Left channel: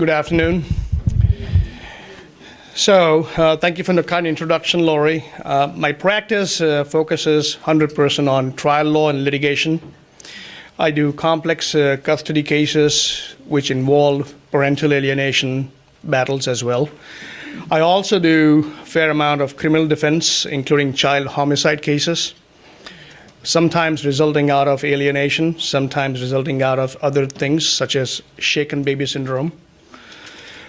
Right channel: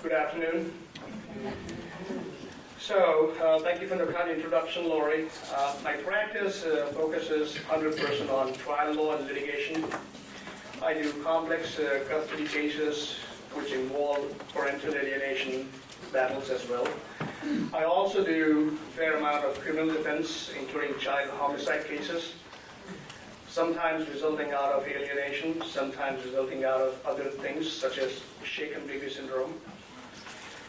Good afternoon. Thank you for the kind introduction, Lori. My practice focuses 100% on trial law and litigation. I do complex custody cases which involve parental alienation battles as well. I also do a fair amount of criminal defense, including child homicide cases, sometimes resulting out of alienation, sometimes resulting out of other things such as shaken baby syndrome.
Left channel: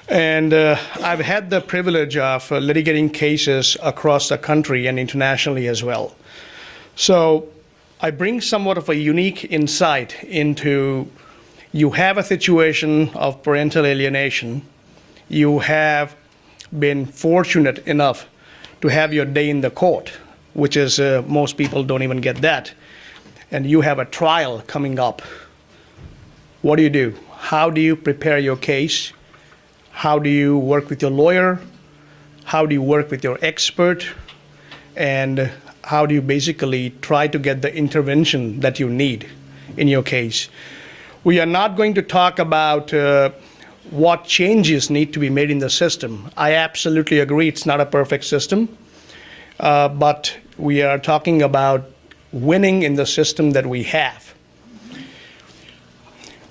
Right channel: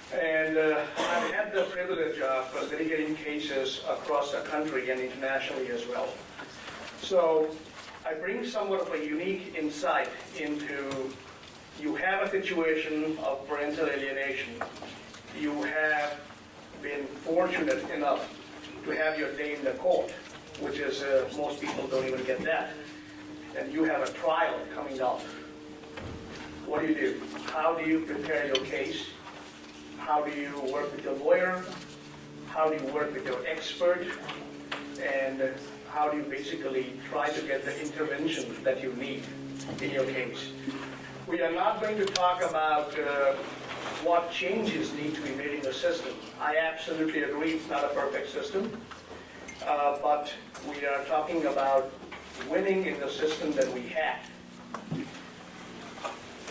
And I've had the privilege of litigating cases across the country and internationally as well. So I bring somewhat of a unique insight into you have a situation of parental alienation. You have been fortunate enough to have your day in the court, which is most people don't even get that. And you have a trial coming up. What do? How do you prepare your case? How do you work with your lawyer? How do you work with your expert? And how do you basically try to get the intervention that you need in your case? We are not going to talk about what changes need to be made in the system. I absolutely agree it's not a perfect system, but we are talking about winning in the system that we have.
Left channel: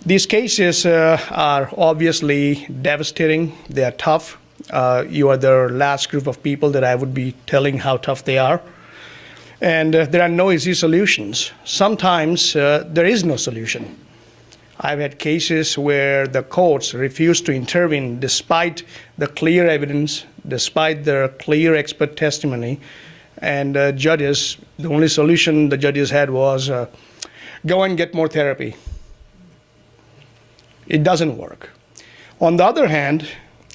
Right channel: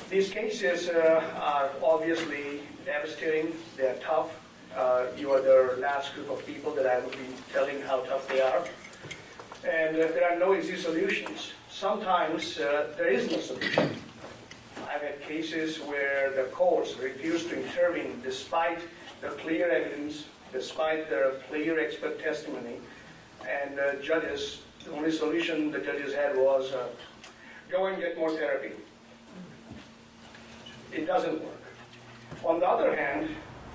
These cases are obviously devastating. They are tough. You are the last group of people that I would be telling how tough they are. And there are no easy solutions. Sometimes there is no solution. I've had cases where the courts refuse to intervene despite the clear evidence, despite their clear expert testimony, and judges, the only solution the judges had was go and get more therapy. It doesn't work. On the other hand,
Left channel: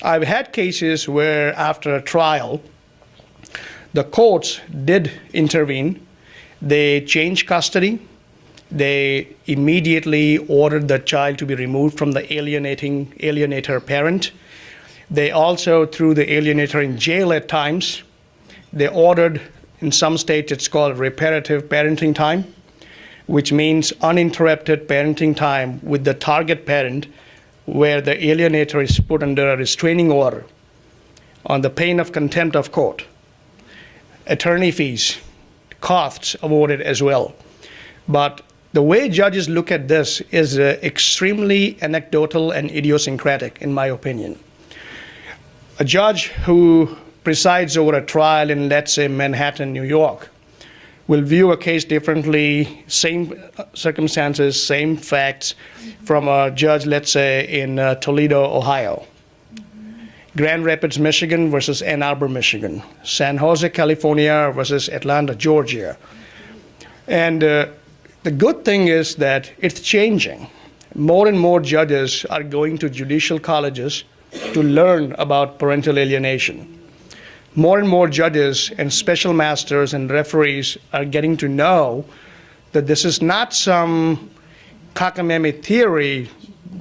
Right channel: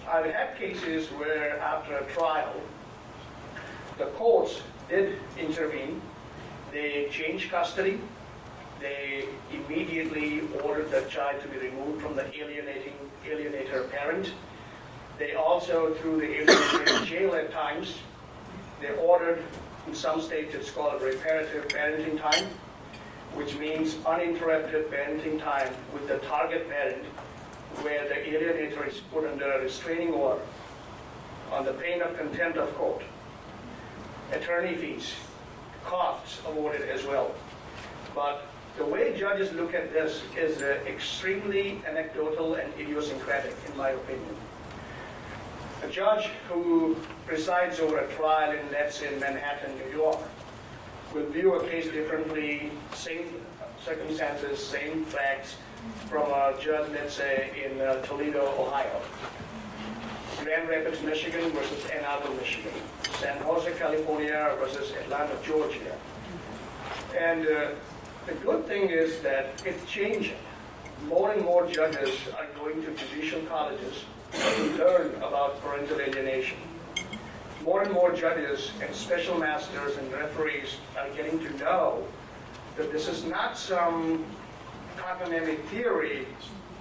I've had cases where after a trial, the courts did intervene. They changed custody. They immediately ordered the child to be removed from the alienator parent. They also threw the alienator in jail at times. They ordered, in some states it's called reparative parenting time, which means uninterrupted parenting time with the target parent, where the alienator is put under a restraining order on the pain of contempt of court. Attorney fees, costs awarded as well. But the way judges look at this is extremely anecdotal and idiosyncratic, in my opinion. A judge who presides over a trial in, let's say, Manhattan, New York, will view a case differently, same circumstances, same facts, from a judge, let's say, in Toledo, Ohio. Grand Rapids, Michigan versus Ann Arbor, Michigan. San Jose, California versus Atlanta, Georgia. And the good thing is that it's changing. More and more judges are going to judicial colleges to learn about parental alienation. More and more judges and special masters and referees are getting to know that this is not some cockamamie theory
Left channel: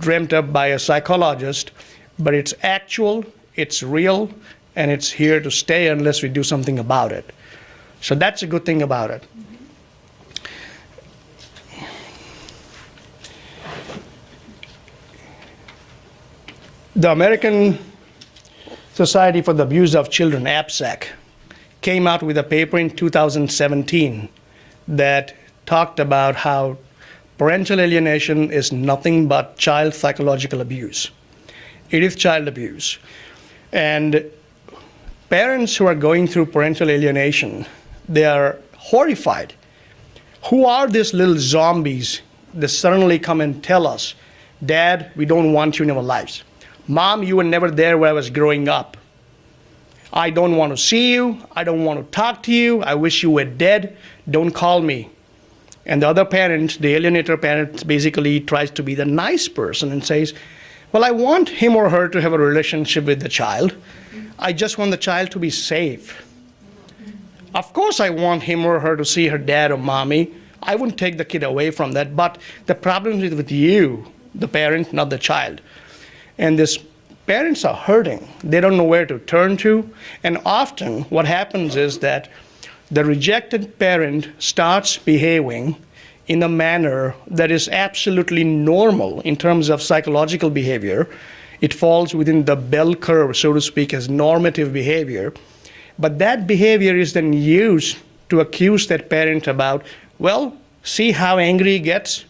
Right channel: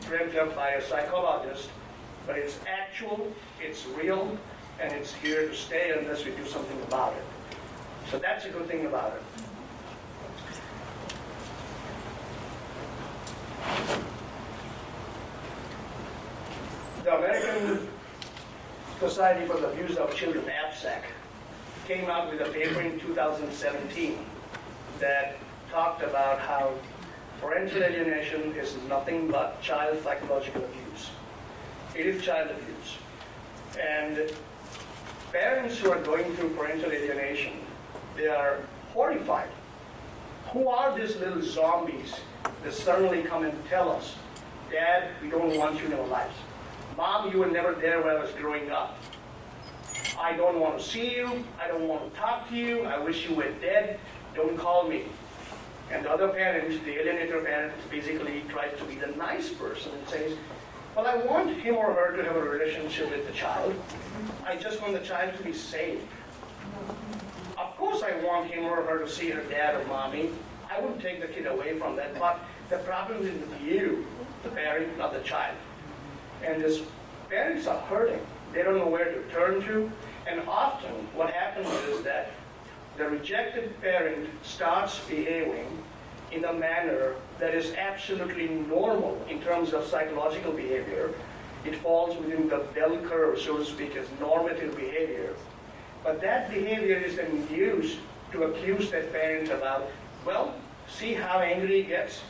dreamt up by a psychologist, but it's actual, it's real, and it's here to stay unless we do something about it. So that's a good thing about it. The American Society for the Abuse of Children, APSAC, came out with a paper in 2017 that talked about how parental alienation is nothing but child psychological abuse. It is child abuse. And parents who are going through parental alienation, they are horrified. Who are these little zombies that suddenly come and tell us, Dad, we don't want you in our lives. Mom, you were never there when I was growing up. I don't want to see you. I don't want to talk to you. I wish you were dead. Don't call me. And the other parent, the alienator parent, basically tries to be the nice person and says, well, I want him or her to have a relationship with the child. I just want the child to be safe. Of course I want him or her to see her dad or mommy. I wouldn't take the kid away from that. But the problem is with you, the parent, not the child. And these parents are hurting. They don't know where to turn to. And often what happens is that the rejected parent starts behaving in a manner that is absolutely normal in terms of psychological behavior. It falls within the bell curve, so to speak, as normative behavior. But that behavior is then used to accuse that parent about, well, see how angry he gets?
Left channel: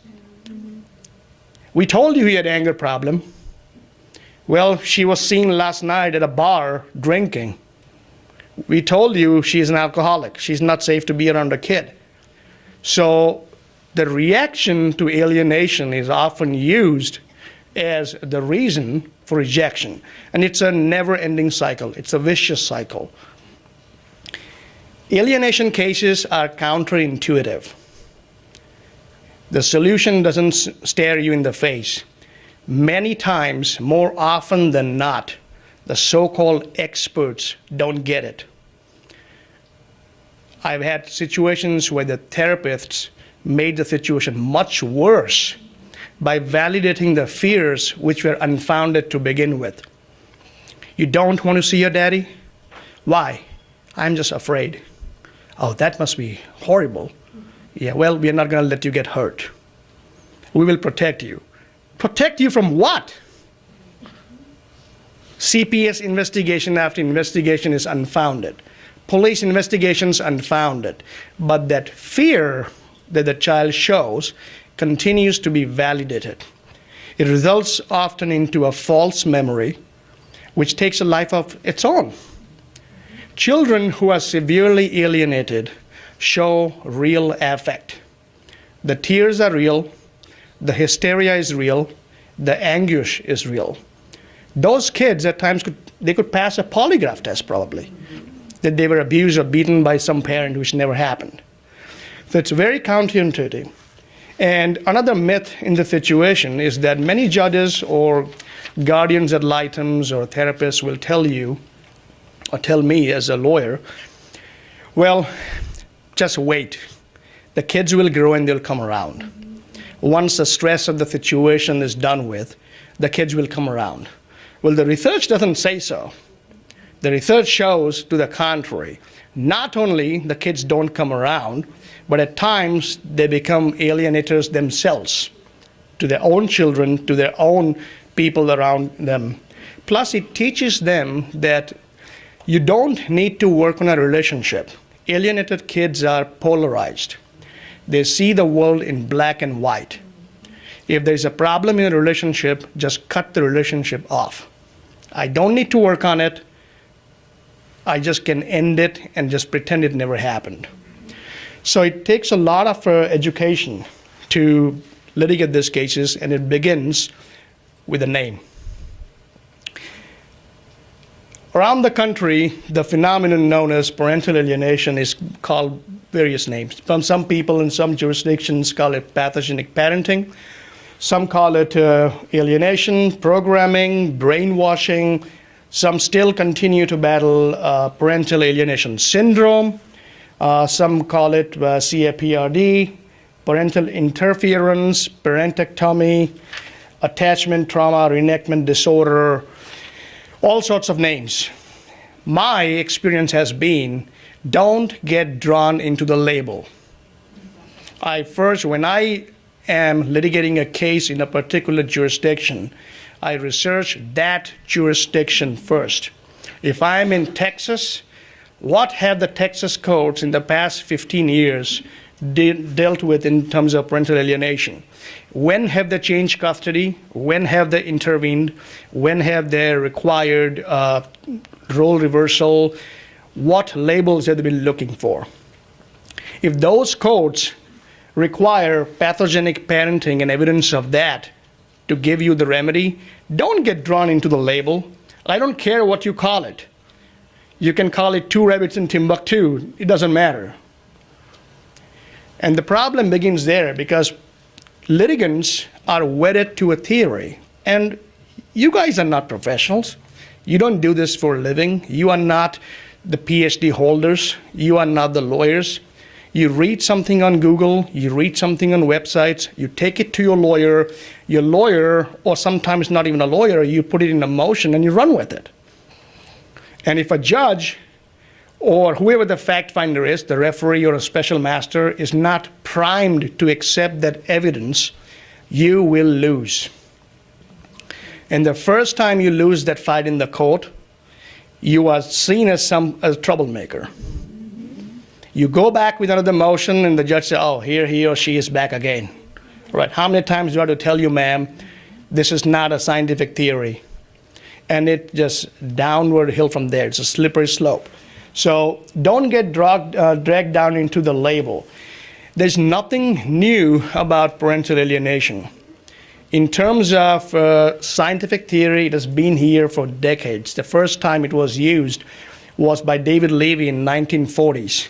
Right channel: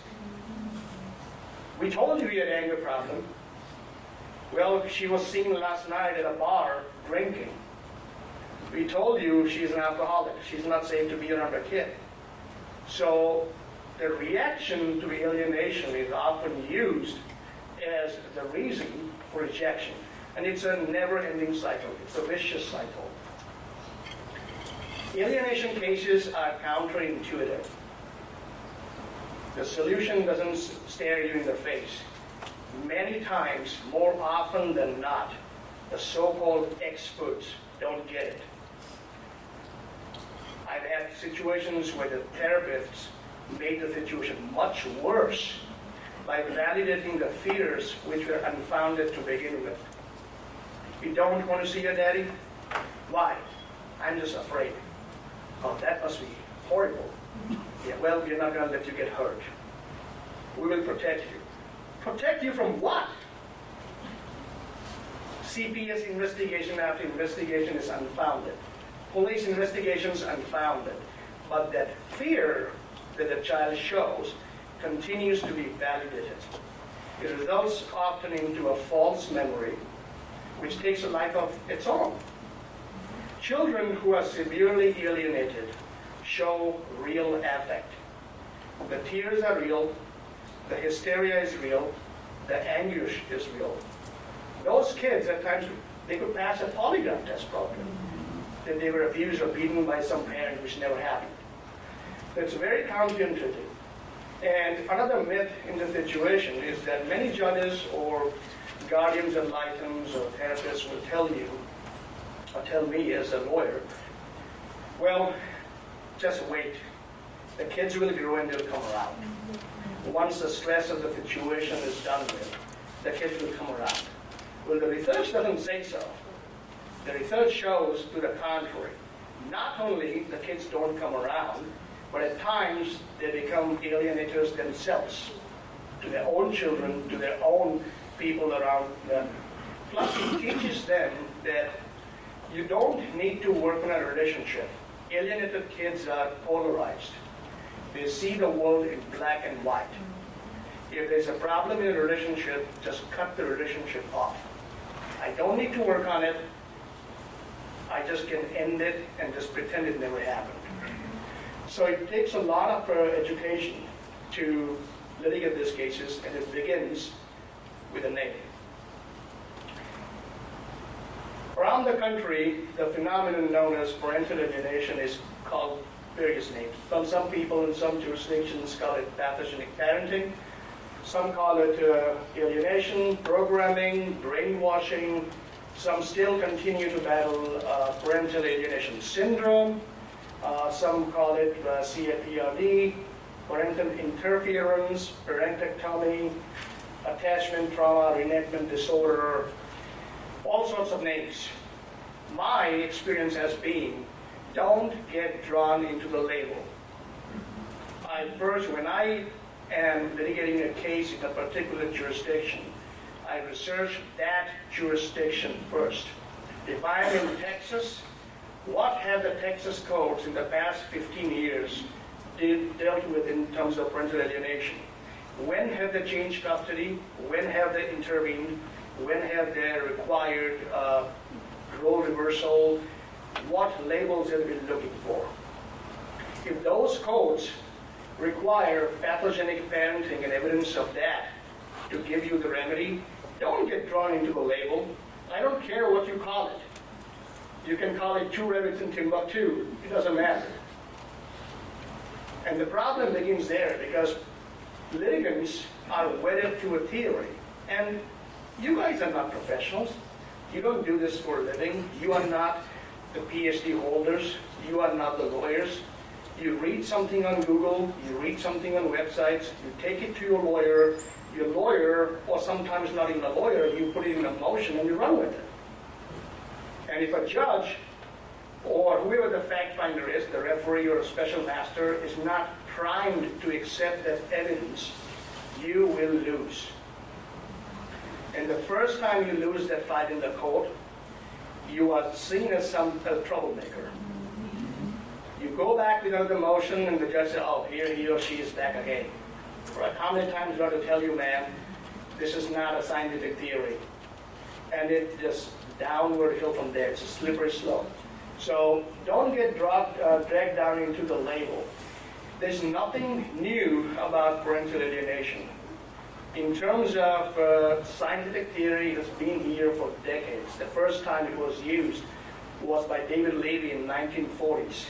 We told you he had an anger problem. Well, she was seen last night at a bar drinking. We told you she's an alcoholic. She's not safe to be around a kid. So the reaction to alienation is often used as the reason for rejection. And it's a never-ending cycle. It's a vicious cycle. Alienation cases are counterintuitive. The solution doesn't stare you in the face. Many times, more often than not, the so-called experts don't get it. I've had situations where the therapists made the situation much worse by validating the fears which were unfounded to begin with. You don't want to see your daddy? Why? I'm just afraid. Oh, that must be horrible. Yeah, well, we're not going to let you get hurt. We will protect you. Protect you from what? CPS investigation after investigation is unfounded. Police investigations unfounded. But that fear that the child shows continues to be validated. It results often into a false memory, which takes a life of its own. Children who are severely alienated show real affect. The tears are real, the hysteria is real, the anguish is real. Those kids at times could pass a polygraph test probably, that they were abused or beaten by some parent, which never happened. So it's very counterintuitive. And another myth in the situation is that many judges or guardians ad litems or therapists will tell you, or tell me as a lawyer, well, just wait. The kids will grow and they'll come around. Once the stress of the situation is done with, the kids will come around. Well, the research doesn't say so. The research shows to the contrary. Not only the kids don't come around, but at times they become alienators themselves to their own children, to their own people around them. Plus, it teaches them that you don't need to work on a relationship. Alienated kids are polarized. They see the world in black and white. If there's a problem in a relationship, just cut the relationship off. I don't need to work on it. I just can end it and just pretend it never happened. So it takes a lot of education to litigate these cases, and it begins with a name. Around the country, the phenomenon known as parental alienation is called various names. Some people in some jurisdictions call it pathogenic parenting. Some call it alienation, programming, brainwashing. Some still continue to battle parental alienation syndrome. Some call it CAPRD, parental interference, parentectomy, attachment trauma, reenactment disorder, all sorts of names. My experience has been, don't get drawn into the label. When I am litigating a case in a particular jurisdiction, I research that jurisdiction first. If I'm in Texas, what have the Texas courts in the past 15 years dealt with in terms of parental alienation? When have they changed custody? When have they intervened? When have they required role reversal? What labels have they been looking for? If those courts require pathogenic parenting and evidence of that to give you the remedy, don't get drawn into the label. I don't care what you call it. You can call it Two Rabbits in Timbuktu. It doesn't matter. And the problem begins there because litigants are wedded to a theory. And you guys are not professionals. You don't do this for a living. You are not the PhD holders. You are not the lawyers. You read something on Google, you read something on websites, you take it to your lawyer, or sometimes not even a lawyer, you put it in a motion and you run with it. And if a judge or whoever the fact finder is, the referee or a special master, is not primed to accept that evidence, you will lose. And the first time you lose that fight in the court, you are seen as a troublemaker. You go back with another motion, and the judge says, oh, here he or she is back again. Right? How many times do I have to tell you, ma'am, this is not a scientific theory? And it just downward hill from there. It's a slippery slope. So don't get dragged down into the label. There's nothing new about parental alienation. In terms of scientific theory, it has been here for decades. The first time it was used was by David Levy in 1940s.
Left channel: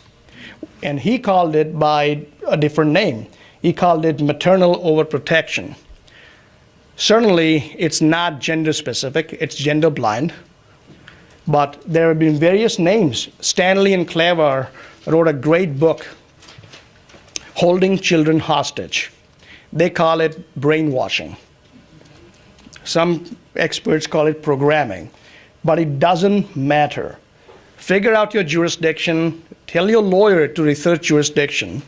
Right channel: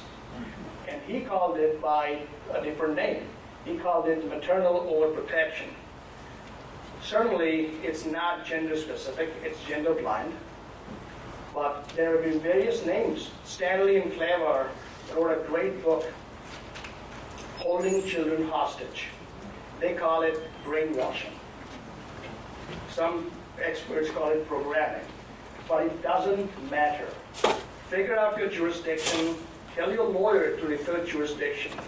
And he called it by a different name. He called it maternal overprotection. Certainly, it's not gender specific, it's gender blind. But there have been various names. Stanley and Clever wrote a great book, Holding Children Hostage. They call it brainwashing. Some experts call it programming, but it doesn't matter. Figure out your jurisdiction, tell your lawyer to research jurisdiction,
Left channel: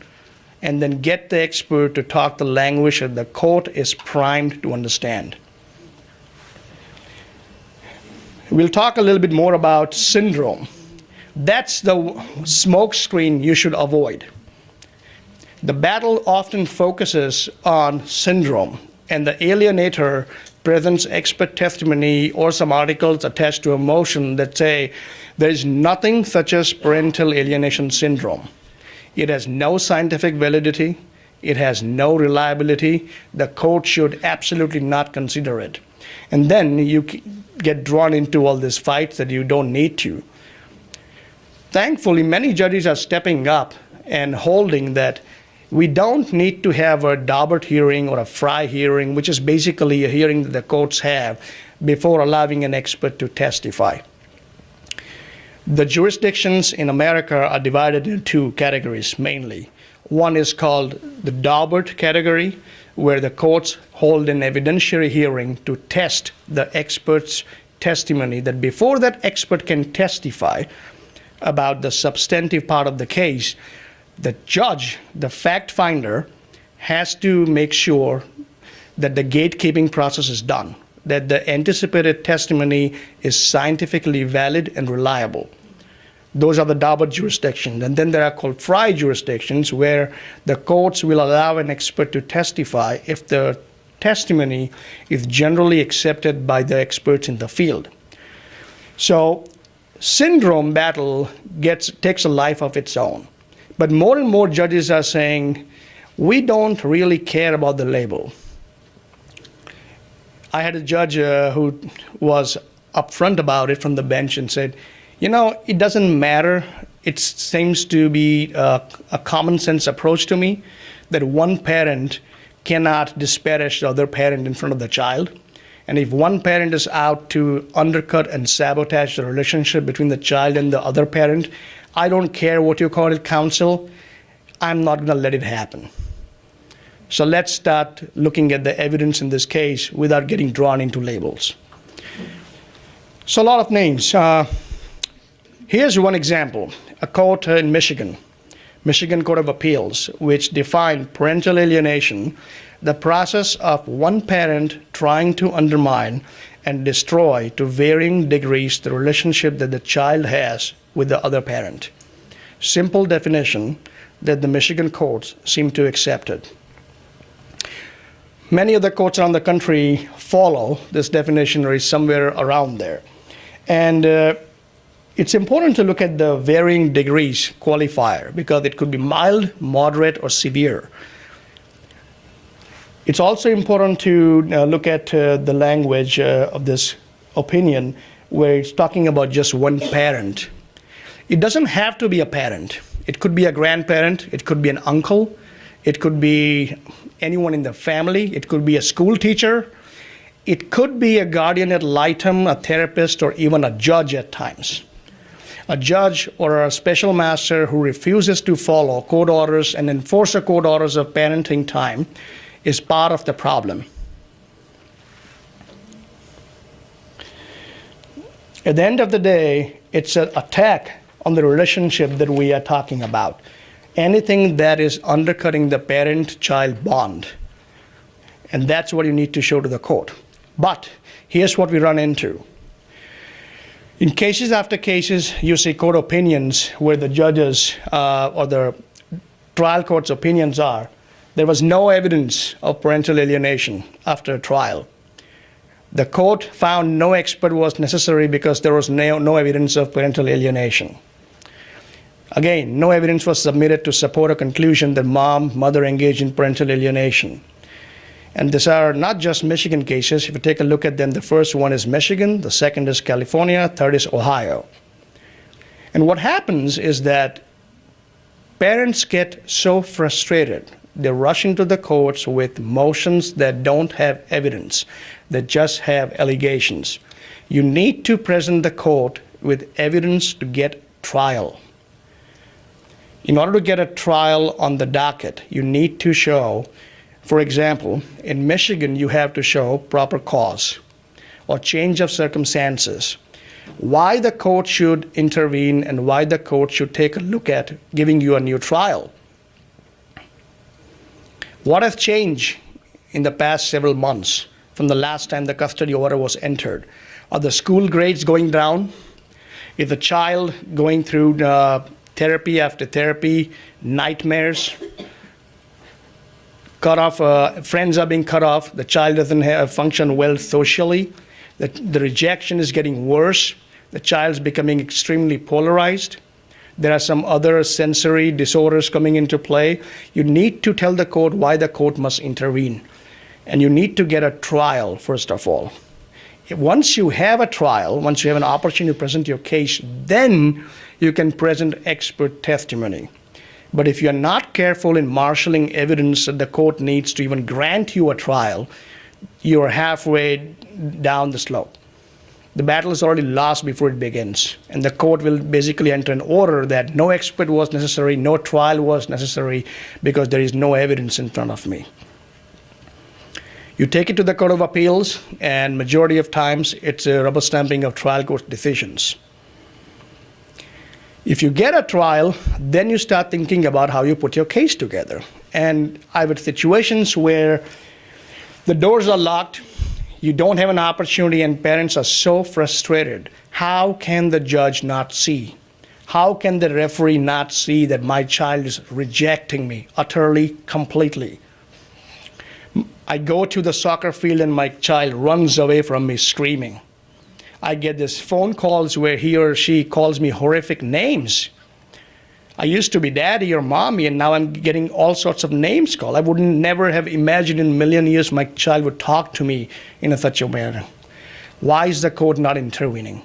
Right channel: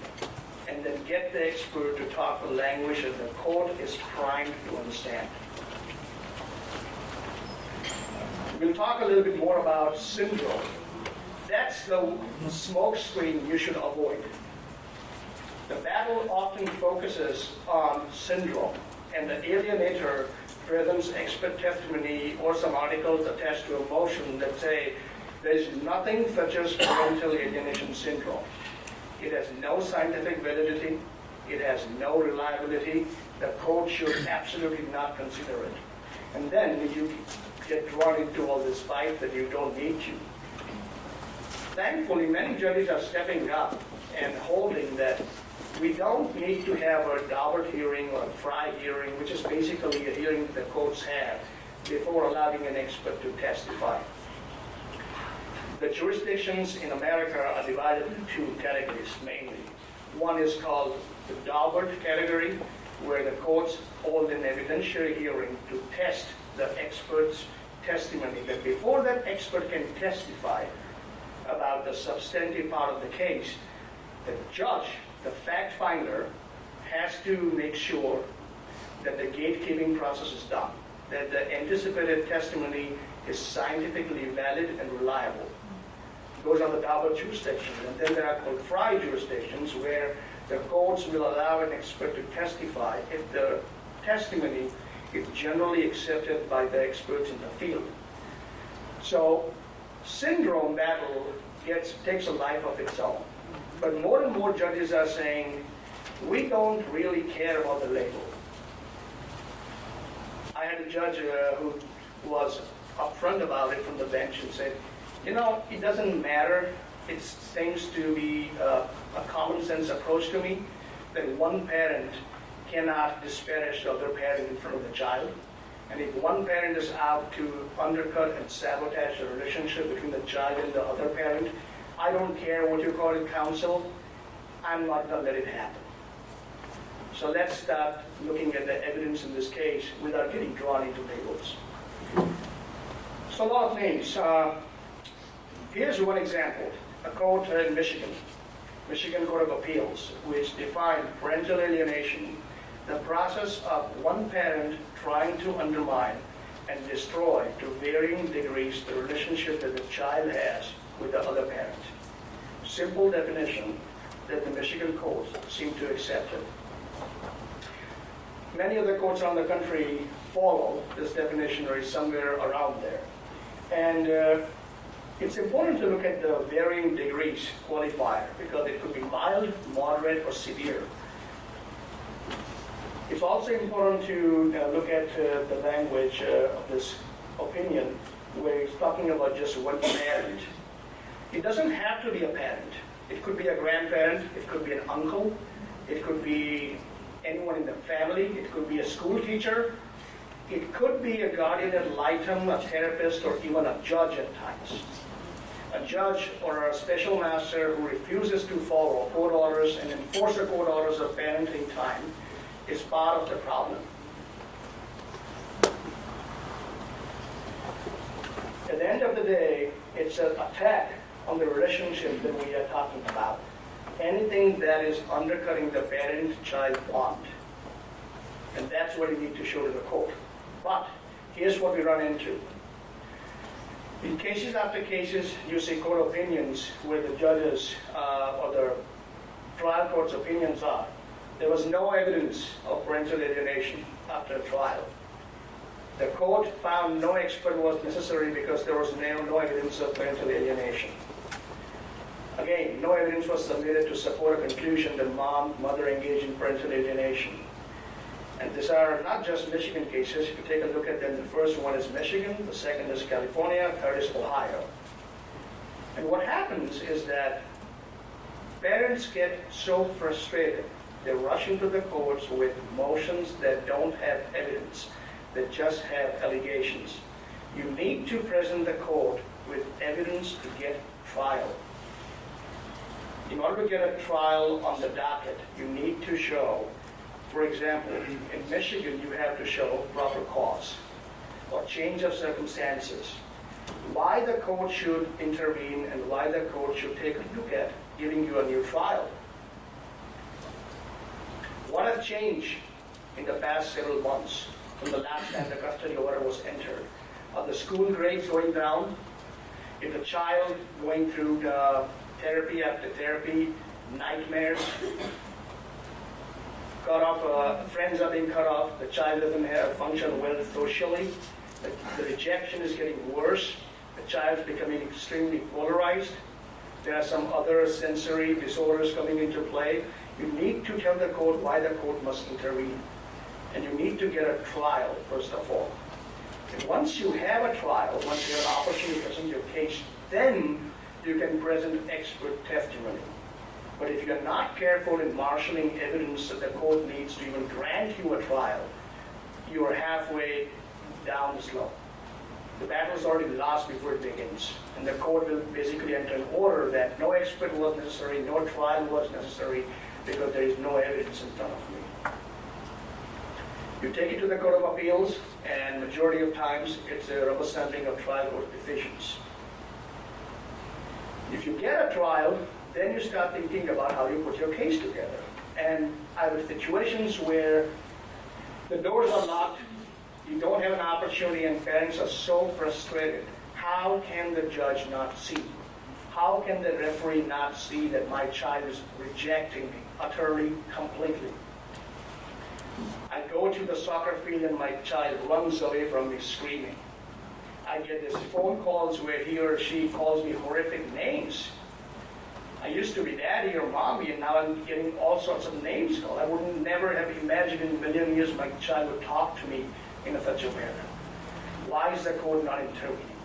and then get the expert to talk the language that the court is primed to understand. We'll talk a little bit more about syndrome. That's the smoke screen you should avoid. The battle often focuses on syndrome, and the alienator presents expert testimony or some articles attached to a motion that say there is nothing such as parental alienation syndrome. It has no scientific validity. It has no reliability. The court should absolutely not consider it. And then you get drawn into all these fights that you don't need to. Thankfully, many judges are stepping up and holding that we don't need to have a Daubert hearing or a Fry hearing, which is basically a hearing that the courts have before allowing an expert to testify. The jurisdictions in America are divided into two categories mainly. One is called the Daubert category, where the courts hold an evidentiary hearing to test the expert's testimony, that before that expert can testify about the substantive part of the case, the judge, the fact finder, has to make sure that the gatekeeping process is done, that the anticipated testimony is scientifically valid and reliable. Those are the Daubert jurisdictions. And then there are called Fry jurisdictions, where the courts will allow an expert to testify if the testimony is generally accepted by the experts in the field. So syndrome battle takes a life of its own. But more and more judges are saying, we don't really care about the label. I had a judge who was upfront about it from the bench and said, you know, it doesn't matter. It seems to be a common sense approach to me that one parent cannot disparage the other parent in front of the child. And if one parent is out to undercut and sabotage the relationship between the child and the other parent, I don't care what you call it, counsel, I'm not going to let it happen. So let's start looking at the evidence in this case without getting drawn into labels. So a lot of names. Here's one example, a court in Michigan, Michigan Court of Appeals, which defined parental alienation, the process of one parent trying to undermine and destroy to varying degrees the relationship that the child has with the other parent. Simple definition that the Michigan courts seem to accept it. Many other courts around the country follow this definition or is somewhere around there. And it's important to look at the varying degrees qualifier, because it could be mild, moderate, or severe. It's also important to look at the language of this opinion, where it's talking about just one parent. It doesn't have to be a parent. It could be a grandparent, it could be an uncle, it could be anyone in the family, it could be a school teacher, it could be a guardian ad litem, a therapist, or even a judge at times. A judge or a special master who refuses to follow court orders and enforce the court orders of parenting time is part of the problem. At the end of the day, it's an attack on the relationship that we are talking about. Anything that is undercutting the parent-child bond. And that's what you need to show to the court. But here's what we run into. In cases after cases, you see court opinions where the judges or the trial court's opinions are, there was no evidence of parental alienation after a trial. The court found no expert was necessary because there was no evidence of parental alienation. Again, no evidence was submitted to support a conclusion that mother engaged in parental alienation. And these are not just Michigan cases. If you take a look at them, the first one is Michigan, the second is California, third is Ohio. And what happens is that parents get so frustrated. They rush into the courts with motions that don't have evidence, that just have allegations. You need to present the court with evidence to get trial. In order to get a trial on the docket, you need to show, for example, in Michigan, you have to show proper cause or change of circumstances, why the court should intervene and why the court should take a look at giving you a new trial. What has changed in the past several months from the last time the custody order was entered? Are the school grades going down? Is the child going through therapy after therapy, nightmares? Cut off, friends are being cut off, the child doesn't function well socially, the rejection is getting worse, the child's becoming extremely polarized. There are some other sensory disorders coming into play. You need to tell the court why the court must intervene. And you need to get a trial, first of all. Once you have a trial, once you have an opportunity to present your case, then you can present expert testimony. But if you're not careful in marshaling evidence that the court needs to even grant you a trial, you're halfway down the slope. The battle is already lost before it begins. And the court will basically enter an order that no expert was necessary, no trial was necessary, because there is no evidence in front of me. You take it to the Court of Appeals, and majority of times, it's a rubber stamping of trial court decisions. If you get a trial, then you start thinking about how you put your case together. And I've had situations where the doors are locked, you don't have an opportunity, and parents are so frustrated. How can the judge not see? How can the referee not see that my child is rejecting me utterly, completely? I go to the soccer field and my child runs away from me screaming. I get these phone calls where he or she calls me horrific names. I used to be daddy or mommy, and now I'm getting all sorts of names called. I would never have imagined in a million years my child would talk to me in such a manner. Why is the court not intervening?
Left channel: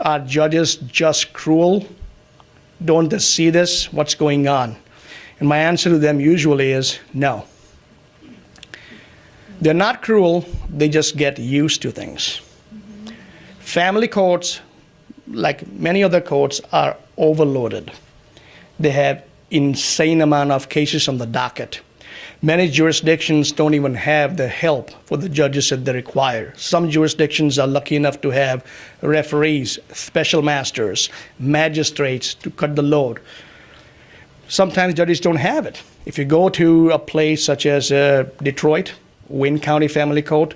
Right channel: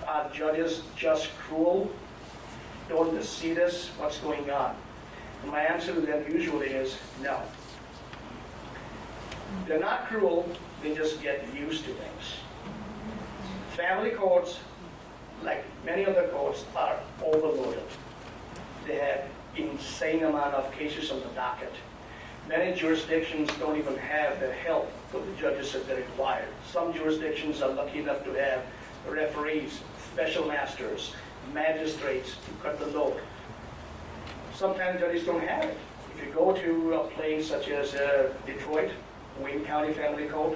Are judges just cruel? Don't they see this? What's going on? And my answer to them usually is no. They're not cruel, they just get used to things. Family courts, like many other courts, are overloaded. They have insane amount of cases on the docket. Many jurisdictions don't even have the help for the judges that they require. Some jurisdictions are lucky enough to have referees, special masters, magistrates to cut the load. Sometimes judges don't have it. If you go to a place such as Detroit, Wayne County Family Court,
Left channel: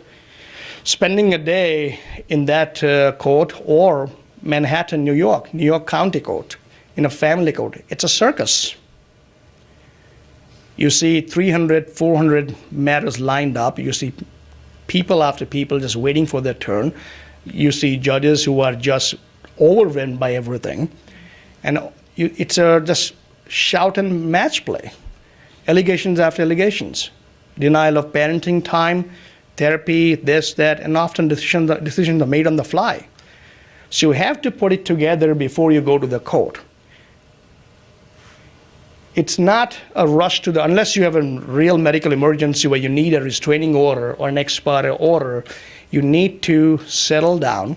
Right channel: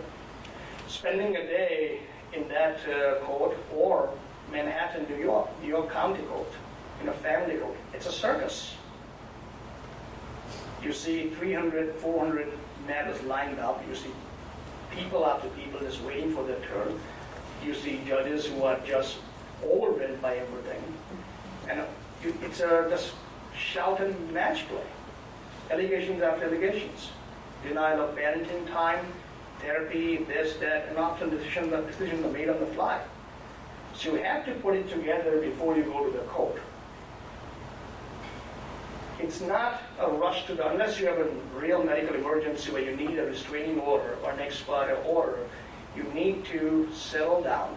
spending a day in that court, or Manhattan, New York County Court, in a family court, it's a circus. You see 300, 400 matters lined up. You see people after people just waiting for their turn. You see judges who are just overwhelmed by everything. And it's just shout and match play. Allegations after allegations. Denial of parenting time, therapy, this, that, and often decisions are made on the fly. So you have to put it together before you go to the court. It's not a rush to unless you have a real medical emergency where you need a restraining order or an ex parte order, you need to settle down,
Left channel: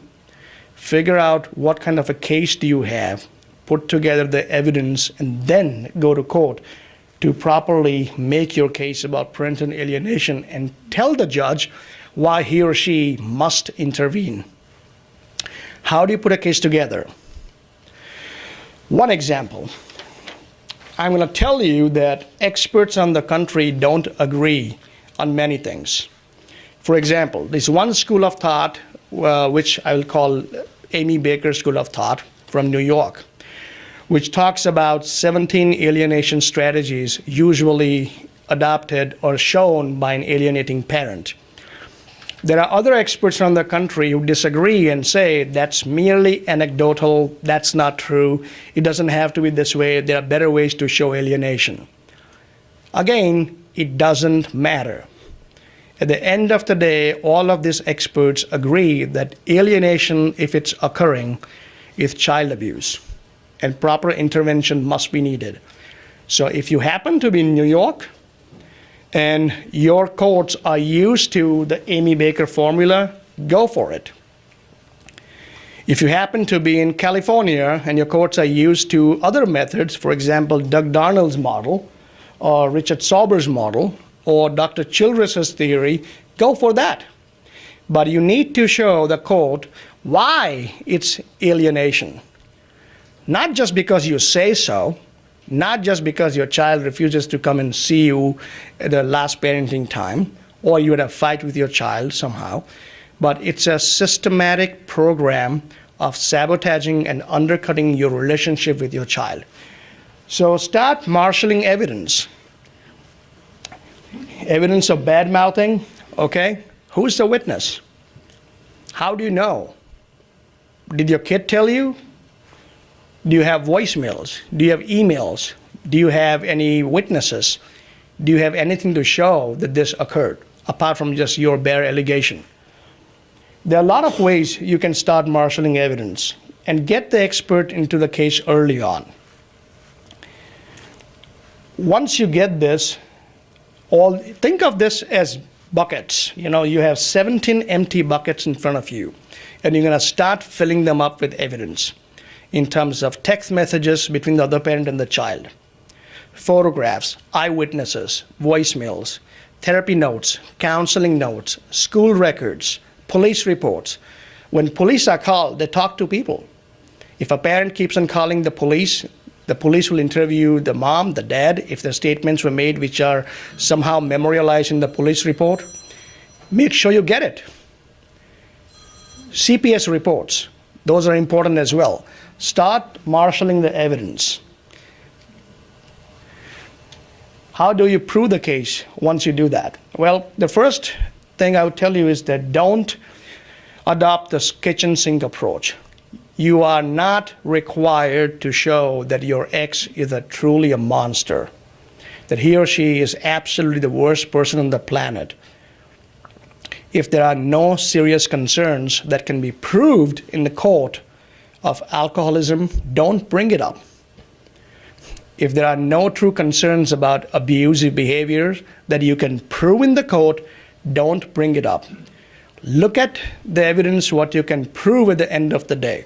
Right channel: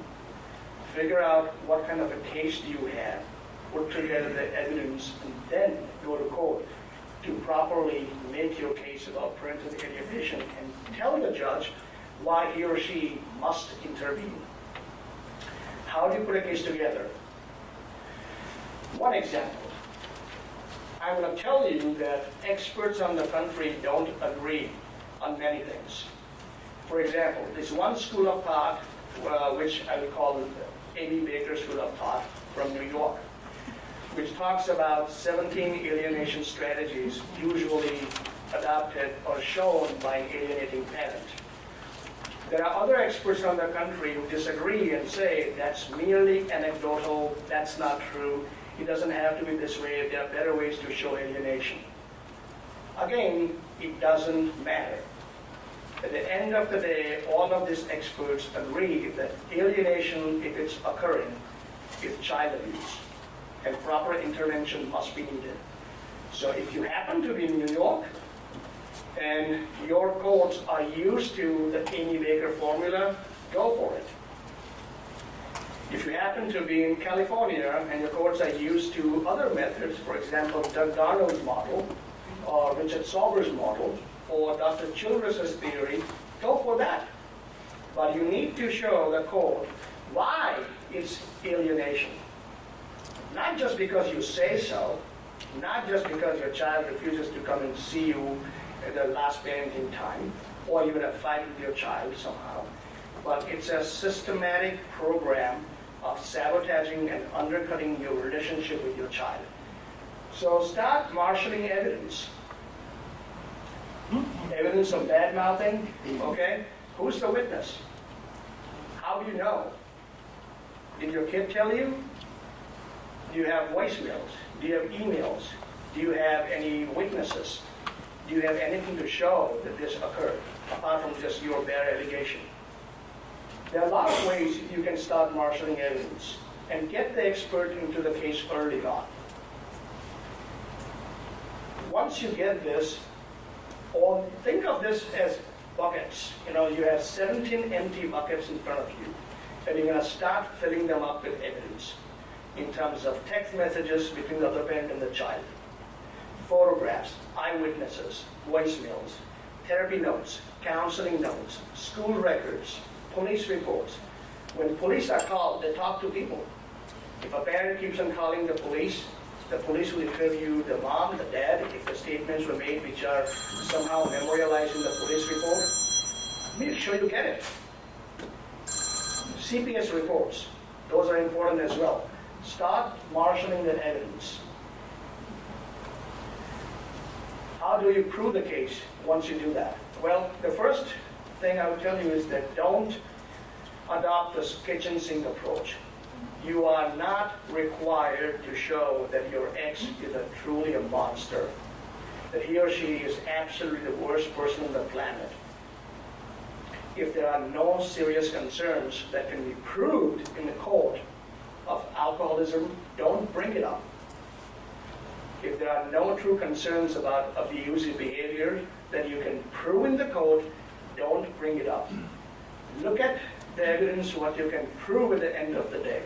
figure out what kind of a case do you have, put together the evidence, and then go to court to properly make your case about parental alienation and tell the judge why he or she must intervene. How do you put a case together? One example. I'm going to tell you that experts on the country don't agree on many things. For example, there's one school of thought, which I will call Amy Baker School of Thought from New York, which talks about 17 alienation strategies usually adopted or shown by an alienating parent. There are other experts around the country who disagree and say that's merely anecdotal, that's not true, it doesn't have to be this way, there are better ways to show alienation. Again, it doesn't matter. At the end of the day, all of these experts agree that alienation, if it's occurring, is child abuse, and proper intervention must be needed. So if you happen to be in New York, and your courts are used to the Amy Baker formula, go for it. If you happen to be in California and your courts are used to other methods, for example, Doug Darnell's model, or Richard Sauber's model, or Dr. Childress's theory, go for that. But you need to show the court why it's alienation. Not just because you say so, not just because your child refuses to come and see you at the last parenting time, or you had a fight with your child somehow, but it's a systematic program of sabotaging and undercutting your relationship with your child. So start marshaling evidence. Evidence of bad mouthing, okay? Who's the witness? How do you know? Did your kid tell you? Do you have voicemails? Do you have emails? Do you have any witnesses? Do you have anything to show that this occurred, apart from just your bare allegation? There are a lot of ways you can start marshaling evidence and get the expert into the case early on. Once you get this, think of this as buckets. You know, you have 17 empty buckets in front of you, and you're going to start filling them up with evidence in terms of text messages between the other parent and the child, photographs, eyewitnesses, voicemails, therapy notes, counseling notes, school records, police reports. When police are called, they talk to people. If a parent keeps on calling the police will interview the mom, the dad, if the statements were made which are somehow memorialized in the police report. Make sure you get it. CPS reports, those are important as well. Start marshaling the evidence. How do you prove the case once you do that? Well, the first thing I would tell you is that don't adopt this kitchen sink approach. You are not required to show that your ex is truly a monster, that he or she is absolutely the worst person on the planet. If there are no serious concerns that can be proved in the court of alcoholism, don't bring it up. If there are no true concerns about abusive behavior that you can prove in the court, don't bring it up. Look at the evidence, what you can prove at the end of the day.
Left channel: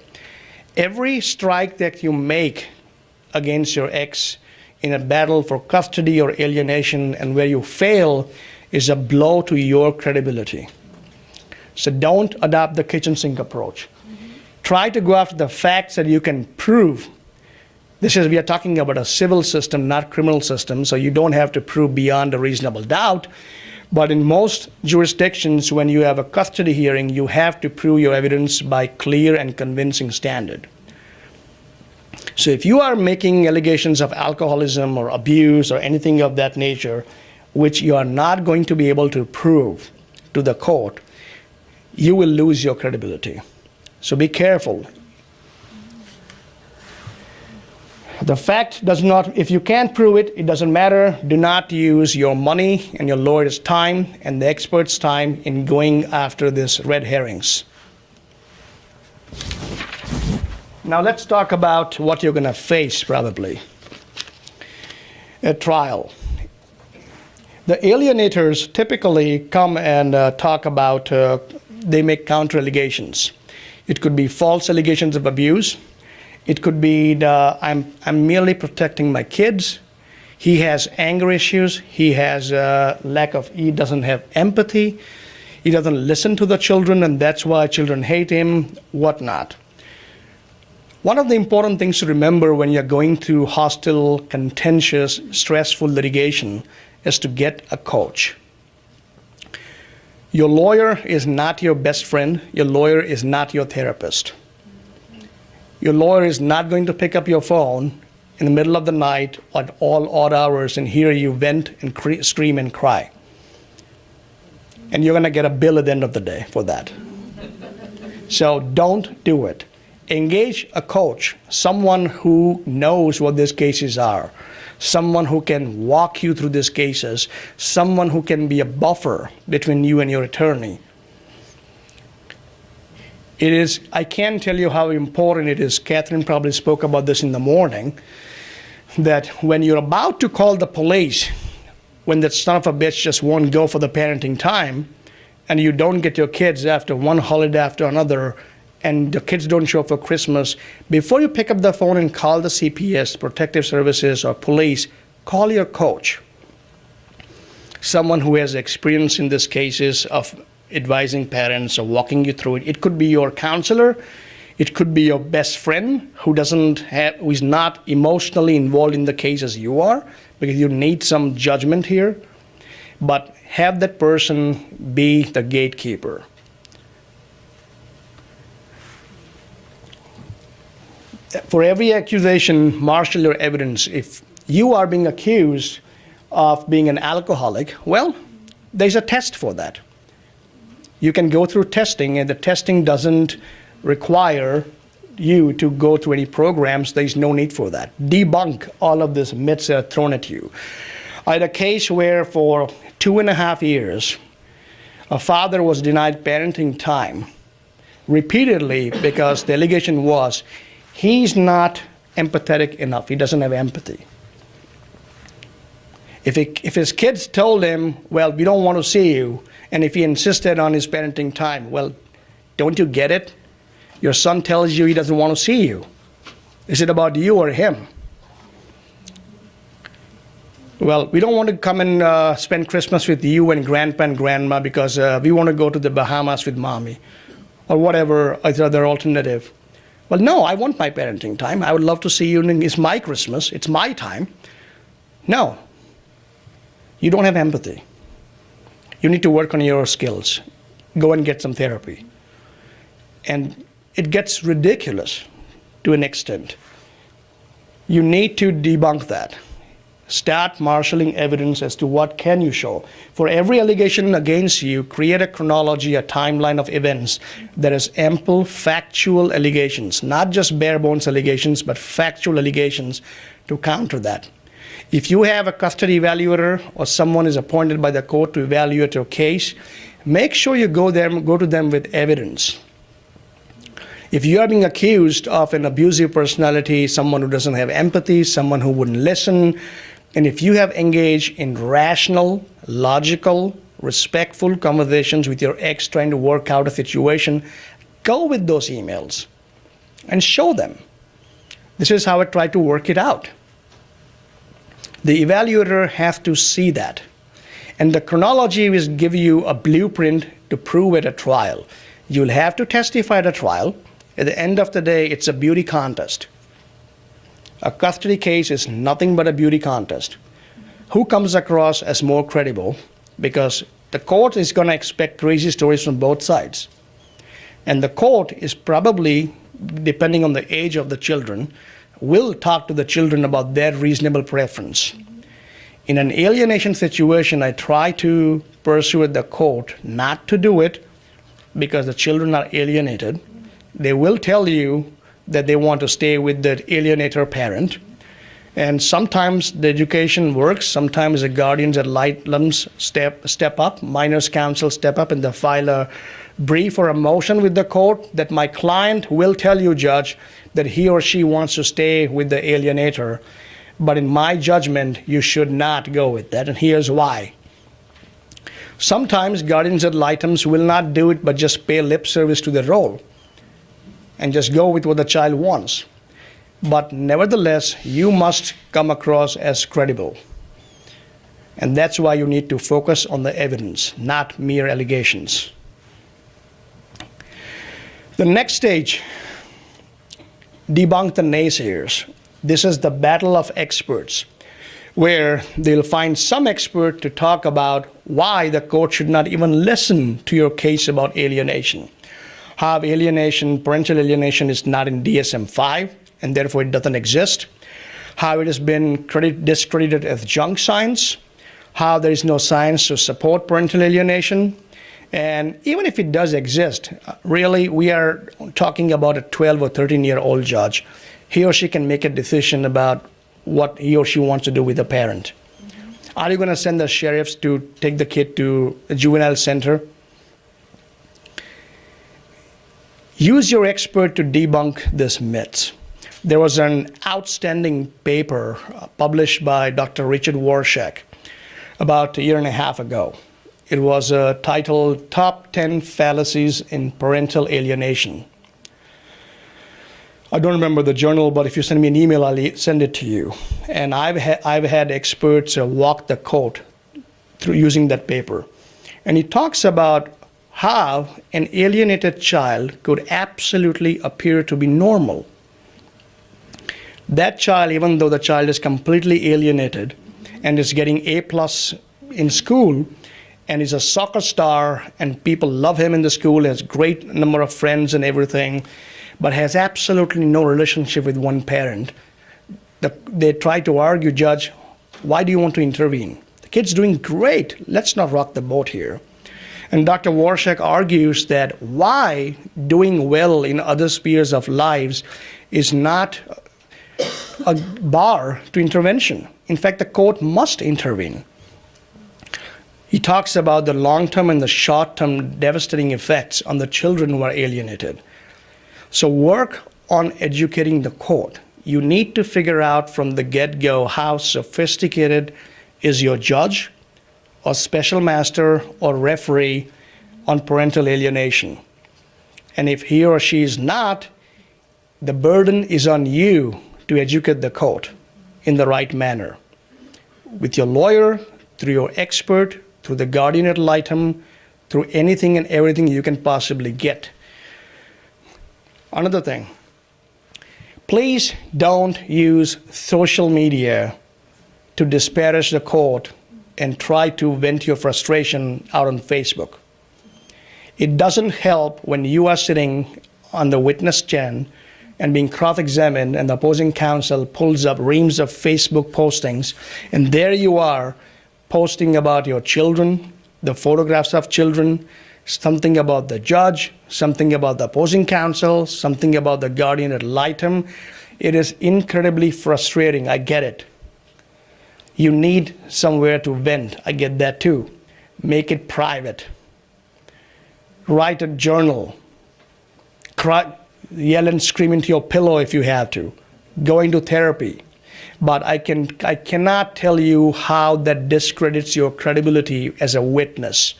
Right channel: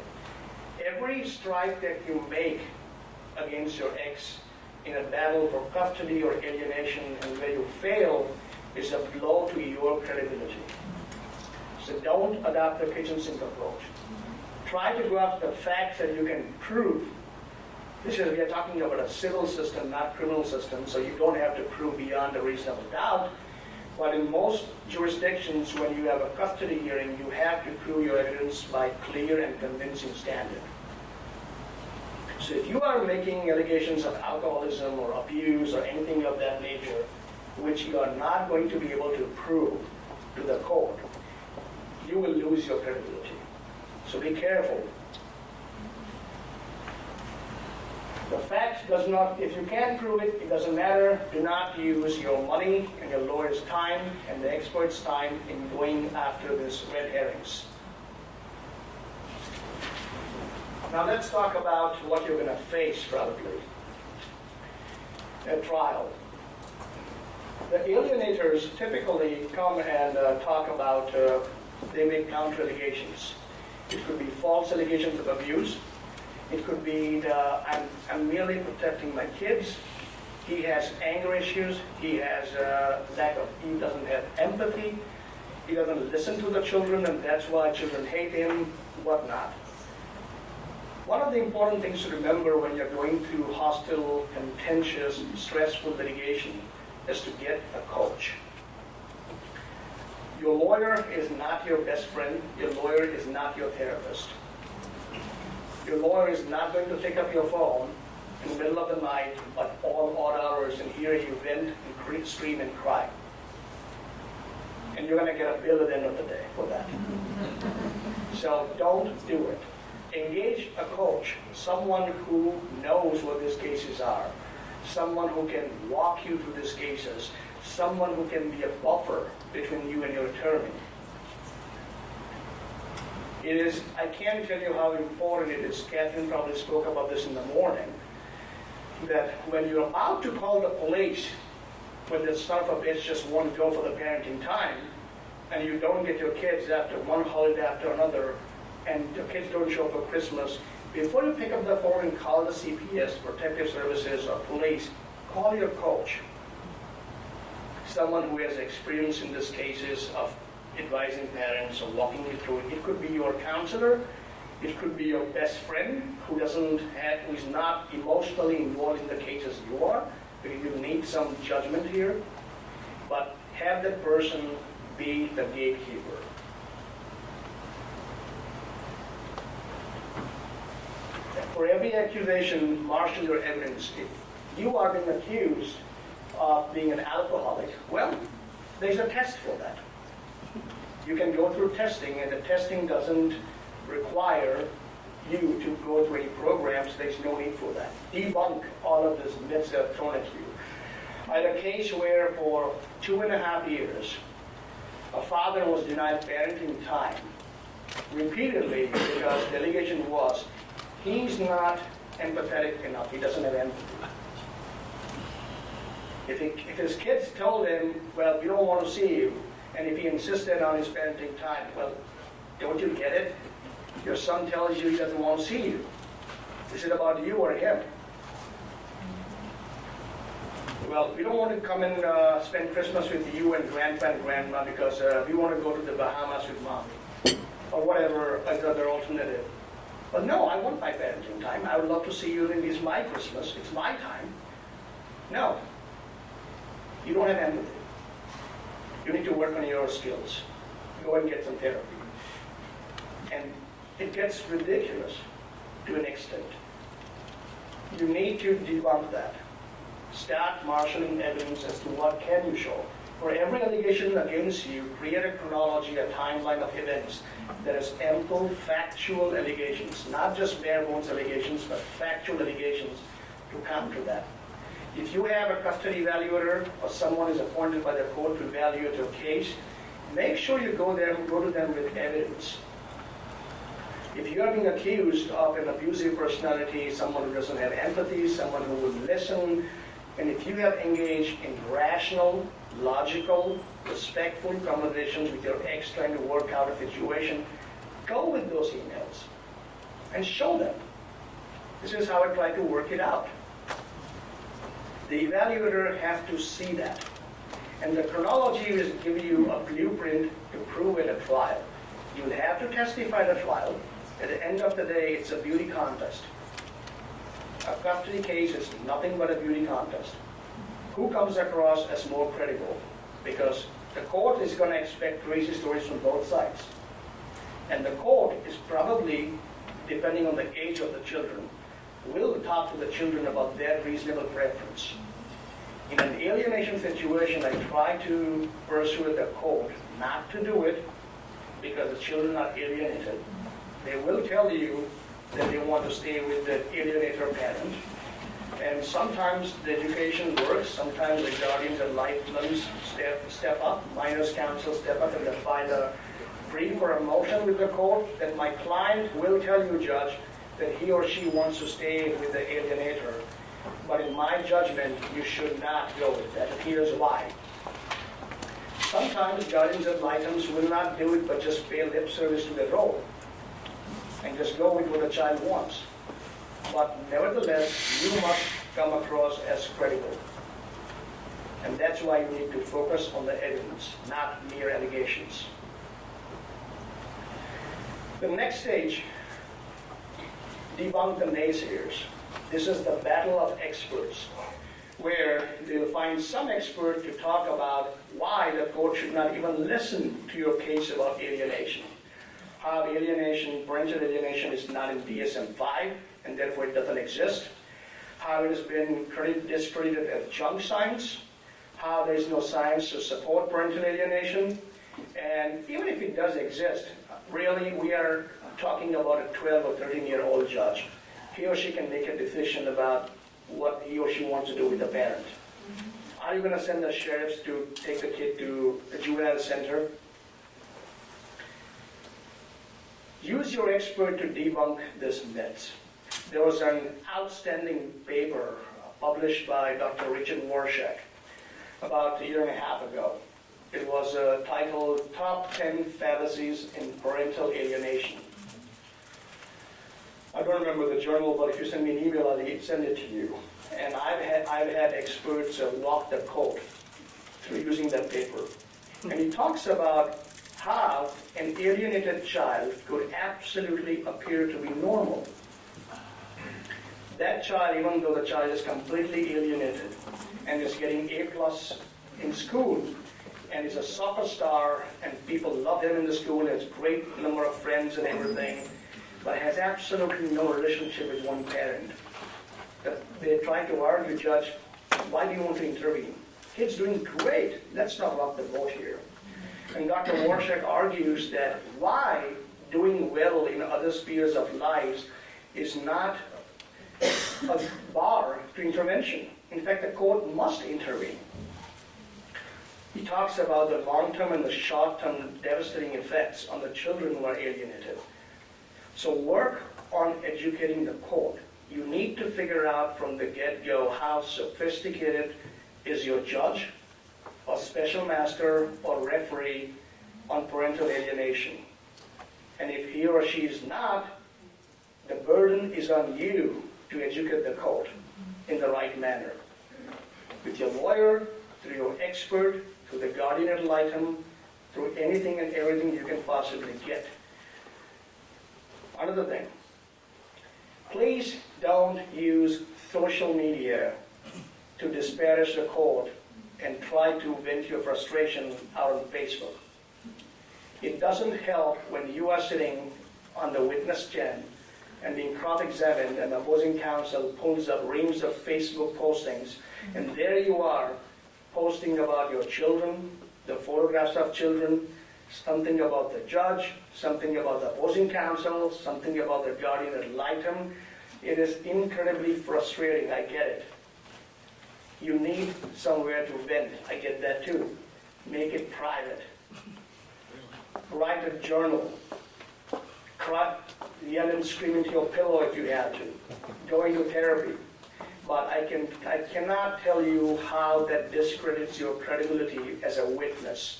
Every strike that you make against your ex in a battle for custody or alienation, and where you fail, is a blow to your credibility. So don't adopt the kitchen sink approach. Try to go after the facts that you can prove. We are talking about a civil system, not criminal system, so you don't have to prove beyond a reasonable doubt. But in most jurisdictions, when you have a custody hearing, you have to prove your evidence by clear and convincing standard. So if you are making allegations of alcoholism or abuse or anything of that nature, which you are not going to be able to prove to the court, you will lose your credibility. So be careful. The fact does not, if you can't prove it, it doesn't matter. Do not use your money and your lawyer's time and the expert's time in going after these red herrings. Now let's talk about what you're going to face probably at trial. The alienators typically come and talk about, they make counter allegations. It could be false allegations of abuse. It could be I'm merely protecting my kids. He has anger issues. He has he doesn't have empathy. He doesn't listen to the children, and that's why children hate him, whatnot. One of the important things to remember when you're going through hostile, contentious, stressful litigation is to get a coach. Your lawyer is not your best friend. Your lawyer is not your therapist. Your lawyer is not going to pick up your phone in the middle of the night at all odd hours and hear you vent and scream and cry. And you're going to get a bill at the end of the day for that. So don't do it. Engage a coach, someone who knows what these cases are, someone who can walk you through these cases, someone who can be a buffer between you and your attorney. I can't tell you how important it is. Catherine probably spoke about this in the morning, that when you're about to call the police, when that son of a bitch just won't go for the parenting time, and you don't get your kids after one holiday after another, and the kids don't show up for Christmas, before you pick up the phone and call the CPS, Protective Services, or police, call your coach. Someone who has experience in these cases of advising parents or walking you through it. It could be your counselor, it could be your best friend who is not emotionally involved in the case as you are, because you need some judgment here. But have that person be the gatekeeper. For every accusation, marshal your evidence. If you are being accused of being an alcoholic, well, there's a test for that. You can go through testing, and the testing doesn't require you to go through any programs. There's no need for that. Debunk all of these myths that are thrown at you. I had a case where for 2.5 years, a father was denied parenting time repeatedly because the allegation was he's not empathetic enough. He doesn't have empathy. If his kids told him, well, we don't want to see you, and if he insisted on his parenting time, well, don't you get it? Your son tells you he doesn't want to see you. Is it about you or him? Well, we don't want to come and spend Christmas with you and grandpa and grandma because we want to go to the Bahamas with mommy, or whatever other alternative. Well, no, I want my parenting time. I would love to see you, and it's my Christmas. It's my time. No. You don't have empathy. You need to work on your skills. Go and get some therapy. And it gets ridiculous to an extent. You need to debunk that. Start marshaling evidence as to what can you show. For every allegation against you, create a chronology, a timeline of events that is ample factual allegations, not just bare bones allegations, but factual allegations to counter that. If you have a custody evaluator or someone is appointed by the court to evaluate your case, make sure you go to them with evidence. If you are being accused of an abusive personality, someone who doesn't have empathy, someone who wouldn't listen, and if you have engaged in rational, logical, respectful conversations with your ex trying to work out a situation, go with those emails and show them. This is how I try to work it out. The evaluator has to see that. And the chronology will give you a blueprint to prove at a trial. You'll have to testify at a trial. At the end of the day, it's a beauty contest. A custody case is nothing but a beauty contest. Who comes across as more credible? Because the court is going to expect crazy stories from both sides. And the court is probably, depending on the age of the children, will talk to the children about their reasonable preference. In an alienation situation, I try to persuade the court not to do it because the children are alienated. They will tell you that they want to stay with the alienator parent. And sometimes the education works. Sometimes the guardians ad litems step up, minors counsel step up, and they file a brief or a motion with the court that my client will tell you, judge, that he or she wants to stay with the alienator. But in my judgment, you should not go with that, and here's why. Sometimes guardians ad litems will not do it, but just pay lip service to the role and just go with what the child wants. But nevertheless, you must come across as credible. And that's why you need to focus on the evidence, not mere allegations. The next stage, debunk the naysayers. This is the battle of experts. where they'll find some expert to talk about why the court should not even listen to your case about alienation. How alienation, parental alienation, is not in DSM-5 and therefore it doesn't exist. How it has been discredited as junk science. How there is no science to support parental alienation. And even if it does exist, really we are talking about a 12 or 13-year-old judge. He or she can make a decision about what he or she wants to do with the parent. Are you going to send the sheriffs to take the kid to a juvenile center? Use your expert to debunk this myth. There was an outstanding paper published by Dr. Richard Warshak about a year and a half ago. It was titled Top 10 Fallacies in Parental Alienation. I don't remember the journal, but if you send me an email, I'll send it to you. And I've had experts walk the court through using that paper. And he talks about how an alienated child could absolutely appear to be normal. That child, even though the child is completely alienated and is getting A+ in school and is a soccer star and people love him in the school, has great number of friends and everything, but has absolutely no relationship with one parent. They try to argue, Judge, why do you want to intervene? The kid's doing great. Let's not rock the boat here. And Dr. Warshak argues that why doing well in other spheres of lives is not a bar to intervention. In fact, the court must intervene. He talks about the long-term and the short-term devastating effects on the children who are alienated. So work on educating the court. You need to figure out from the get-go how sophisticated is your judge or special master or referee on parental alienation. And if he or she is not, the burden is on you to educate the court in the right manner. With your lawyer, through your expert, through the guardian ad litem, through anything and everything you can possibly get. Another thing, please don't use social media to disparage the court and try to vent your frustration out on Facebook. It doesn't help when you are sitting on the witness stand and being cross-examined and the opposing counsel pulls up reams of Facebook postings, and there you are posting about your children, the photographs of children, something about the judge, something about the opposing counsel, something about the guardian ad litem. It is incredibly frustrating, I get it. You need somewhere to vent, I get that too. Make it private. Write a journal. Cry, yell and scream into your pillow if you have to. Go into therapy. But I cannot tell you how that discredits your credibility as a witness.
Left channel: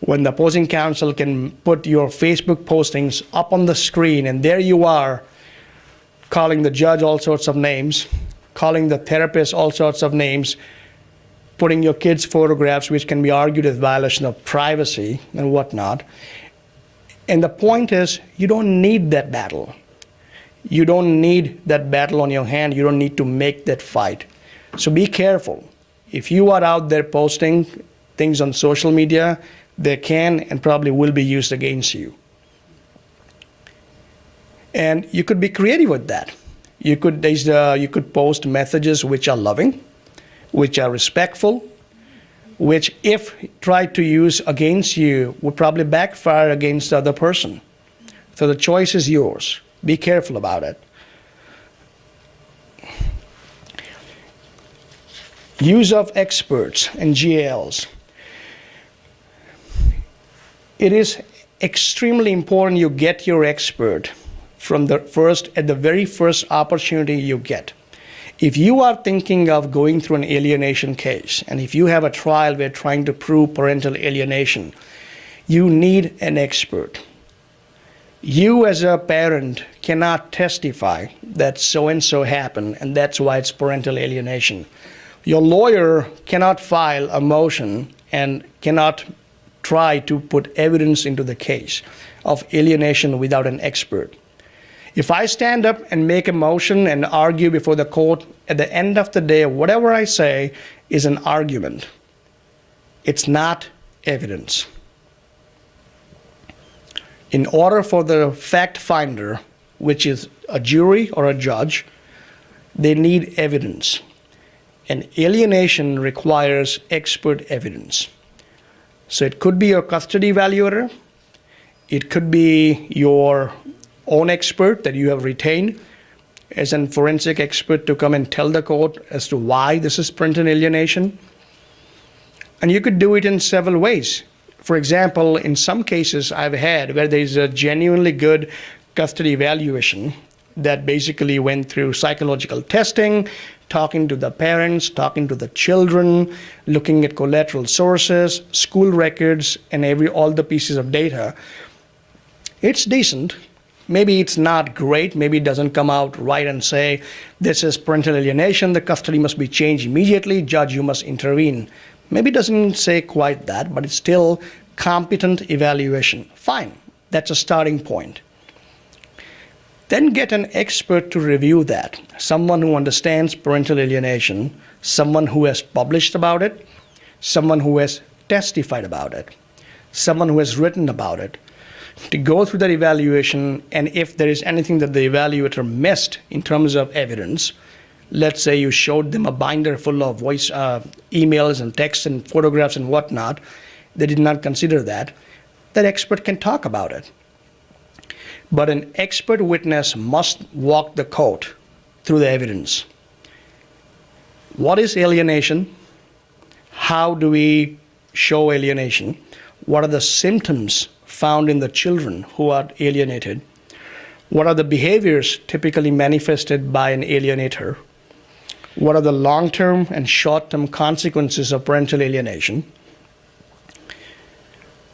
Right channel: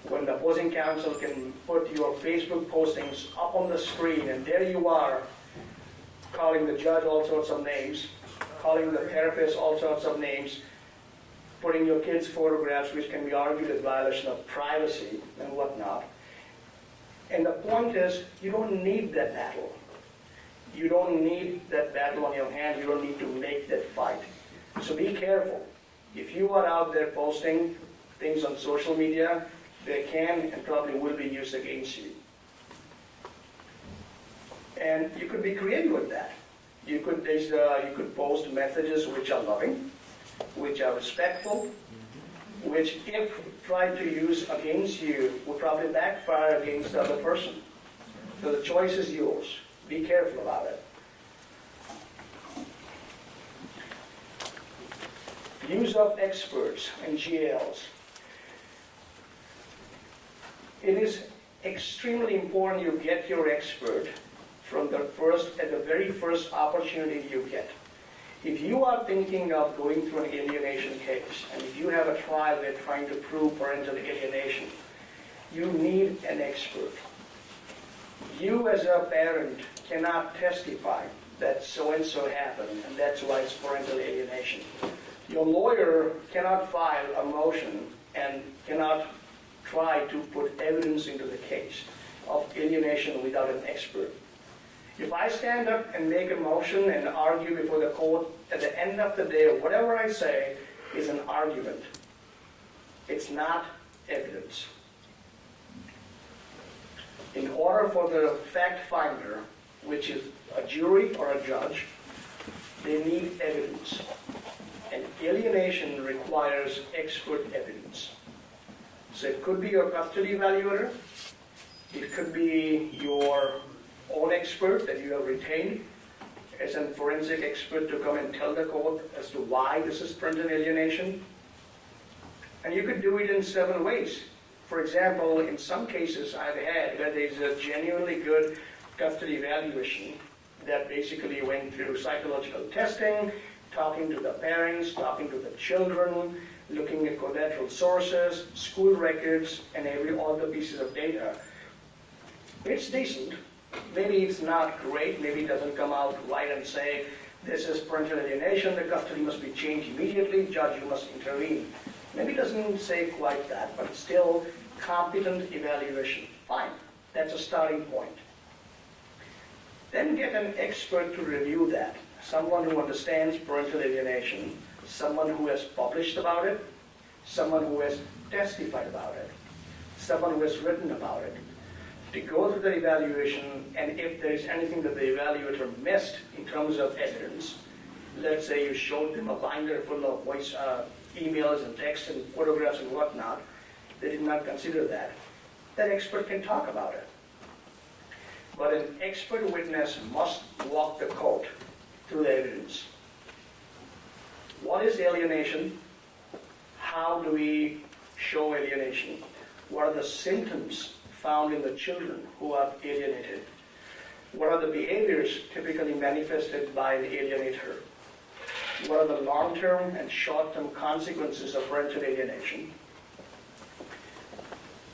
When the opposing counsel can put your Facebook postings up on the screen and there you are calling the judge all sorts of names, calling the therapist all sorts of names, putting your kids' photographs, which can be argued as violation of privacy and whatnot. And the point is, you don't need that battle. You don't need that battle on your hand. You don't need to make that fight. So be careful. If you are out there posting things on social media, they can and probably will be used against you. And you could be creative with that. You could post messages which are loving, which are respectful, which if tried to use against you would probably backfire against the other person. So the choice is yours. Be careful about it. Use of experts and GALs. It is extremely important you get your expert at the very first opportunity you get. If you are thinking of going through an alienation case, and if you have a trial where trying to prove parental alienation, you need an expert. You as a parent cannot testify that so-and-so happened and that's why it's parental alienation. Your lawyer cannot file a motion and cannot try to put evidence into the case of alienation without an expert. If I stand up and make a motion and argue before the court, at the end of the day, whatever I say is an argument. It's not evidence. In order for the fact finder, which is a jury or a judge, they need evidence. And alienation requires expert evidence. So it could be your custody evaluator, it could be your own expert that you have retained as a forensic expert to come and tell the court as to why this is parental alienation. And you could do it in several ways. For example, in some cases I've had where there's a genuinely good custody evaluation that basically went through psychological testing, talking to the parents, talking to the children, looking at collateral sources, school records, and all the pieces of data. It's decent. Maybe it's not great. Maybe it doesn't come out right and say, this is parental alienation, the custody must be changed immediately, judge, you must intervene. Maybe it doesn't say quite that, but it's still competent evaluation. Fine, that's a starting point. Then get an expert to review that, someone who understands parental alienation, someone who has published about it, someone who has testified about it, someone who has written about it, to go through that evaluation, and if there is anything that the evaluator missed in terms of evidence, let's say you showed them a binder full of voice emails and texts and photographs and whatnot, they did not consider that, that expert can talk about it. But an expert witness must walk the court through the evidence. What is alienation? How do we show alienation? What are the symptoms found in the children who are alienated? What are the behaviors typically manifested by an alienator? What are the long-term and short-term consequences of parental alienation?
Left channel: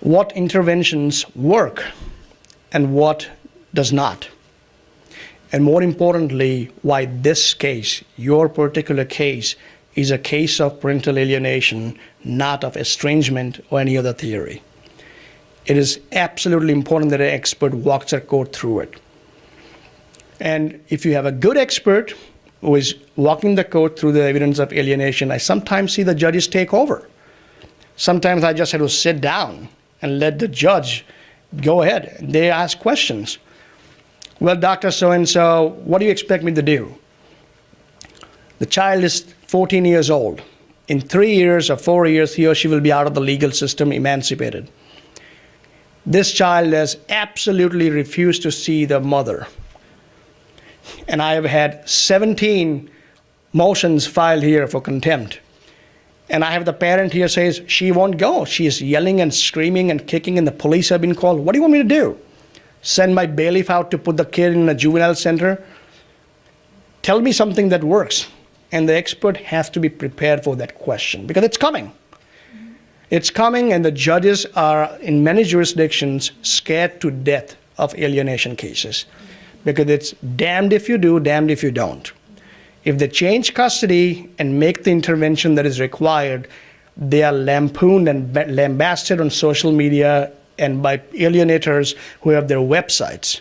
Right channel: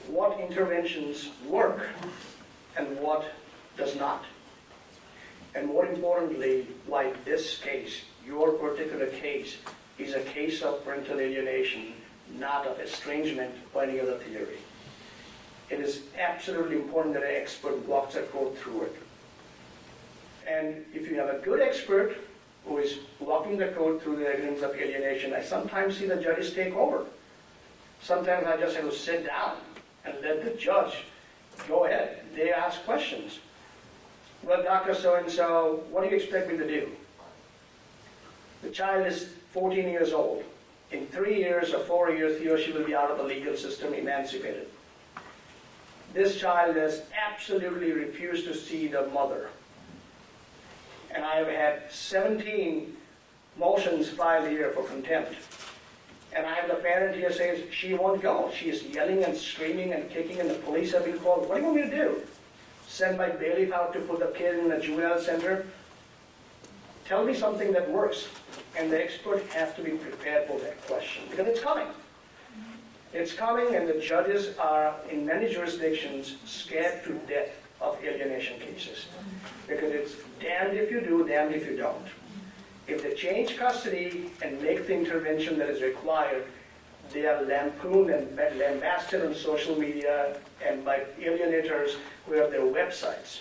What interventions work and what does not? And more importantly, why this case, your particular case, is a case of parental alienation, not of estrangement or any other theory. It is absolutely important that an expert walks the court through it. And if you have a good expert who is walking the court through the evidence of alienation, I sometimes see the judges take over. Sometimes I just have to sit down and let the judge go ahead. They ask questions. Well, Dr. So-and-so, what do you expect me to do? The child is 14 years old. In 3 years or 4 years, he or she will be out of the legal system, emancipated. This child has absolutely refused to see the mother. And I have had 17 motions filed here for contempt. And I have the parent here says, she won't go. She is yelling and screaming and kicking, and the police have been called. What do you want me to do? Send my bailiff out to put the kid in a juvenile center? Tell me something that works. And the expert has to be prepared for that question because it's coming. It's coming, and the judges are, in many jurisdictions, scared to death of alienation cases because it's damned if you do, damned if you don't. If they change custody and make the intervention that is required, they are lampooned and lambasted on social media and by alienators who have their websites.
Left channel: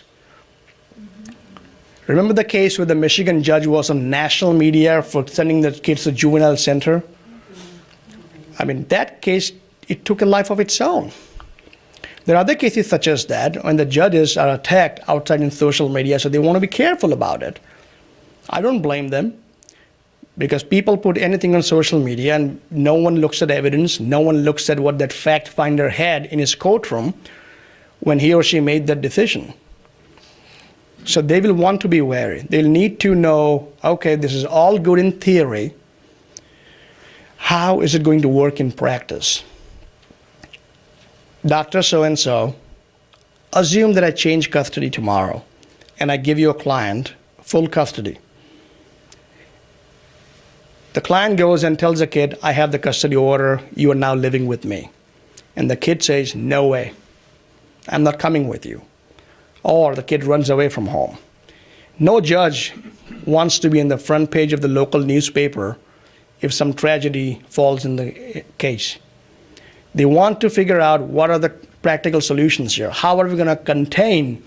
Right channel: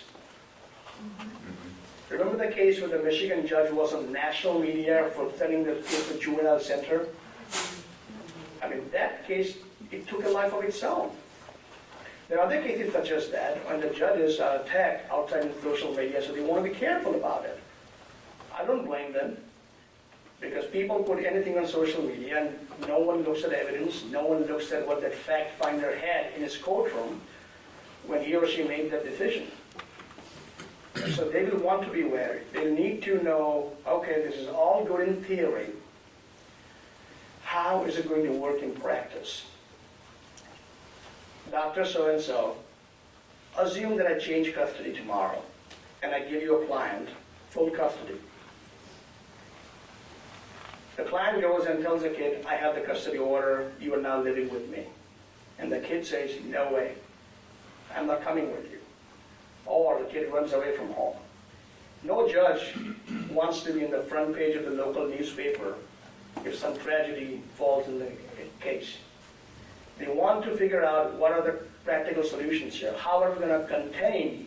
Remember the case where the Michigan judge was on national media for sending the kids to juvenile center? I mean, that case, it took a life of its own. There are other cases such as that when the judges are attacked outside in social media, so they want to be careful about it. I don't blame them because people put anything on social media and no one looks at evidence, no one looks at what that fact finder had in his courtroom when he or she made that decision. So they will want to be wary. They'll need to know, okay, this is all good in theory. How is it going to work in practice? Dr. So-and-so, assume that I change custody tomorrow and I give you a client full custody. The client goes and tells the kid, I have the custody order, you are now living with me. And the kid says, no way, I'm not coming with you. Or the kid runs away from home. No judge wants to be in the front page of the local newspaper if some tragedy falls in the case. They want to figure out what are the practical solutions here. How are we going to contain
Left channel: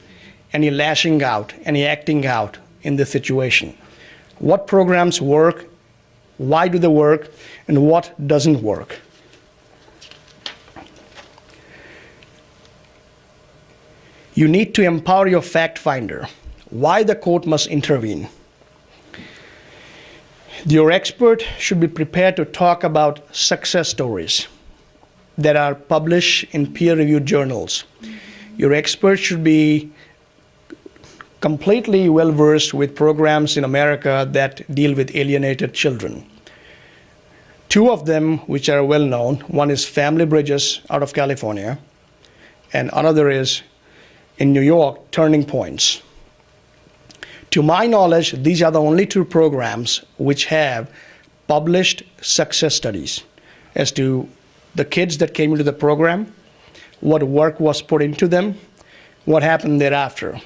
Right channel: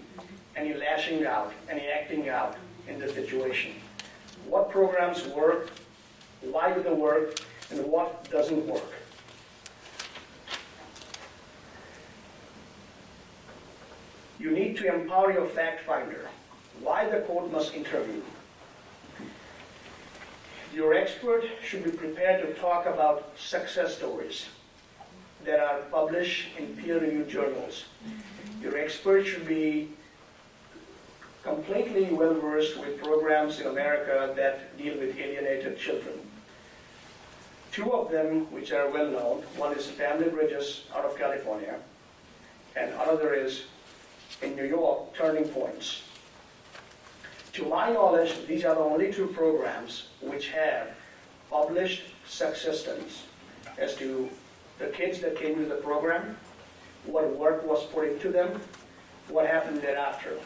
any lashing out, any acting out in this situation. What programs work, why do they work, and what doesn't work. You need to empower your fact finder. Why the court must intervene. Your expert should be prepared to talk about success stories that are published in peer-reviewed journals. Your expert should be completely well-versed with programs in America that deal with alienated children. Two of them, which are well-known, one is Family Bridges out of California, and another is in New York, Turning Points. To my knowledge, these are the only two programs which have published success studies as to the kids that came into the program, what work was put into them, what happened thereafter.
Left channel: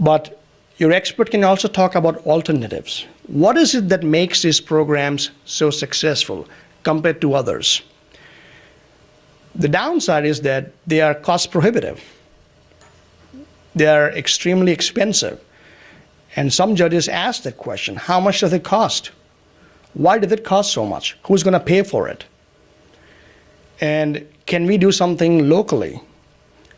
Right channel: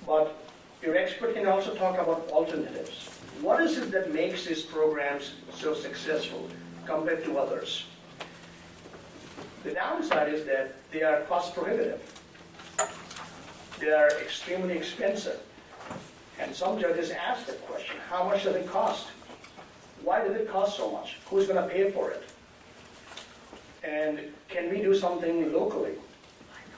But your expert can also talk about alternatives. What is it that makes these programs so successful compared to others? The downside is that they are cost prohibitive. They are extremely expensive. And some judges ask that question, how much does it cost? Why does it cost so much? Who's going to pay for it? And can we do something locally?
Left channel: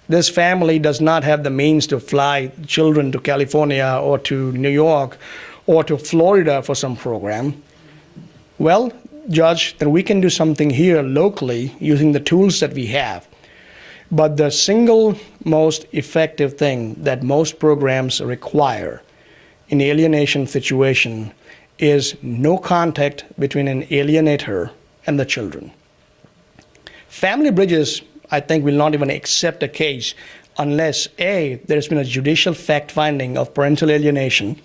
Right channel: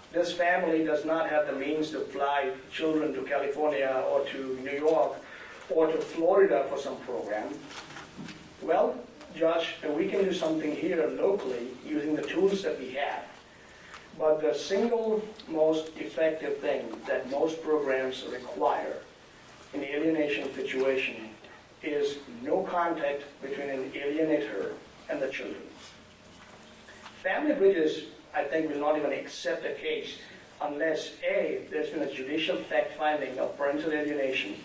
This family does not have the means to fly children to California or to New York or to Florida for some program. Well, Judge, then we can do something here locally using the tools that we have. But the single most effective thing that most programs require in alienation situation is no contact between an alienator and the children. Family Bridges, I think, will not even accept a case unless A, there's been a judicial fact finding of parental alienation,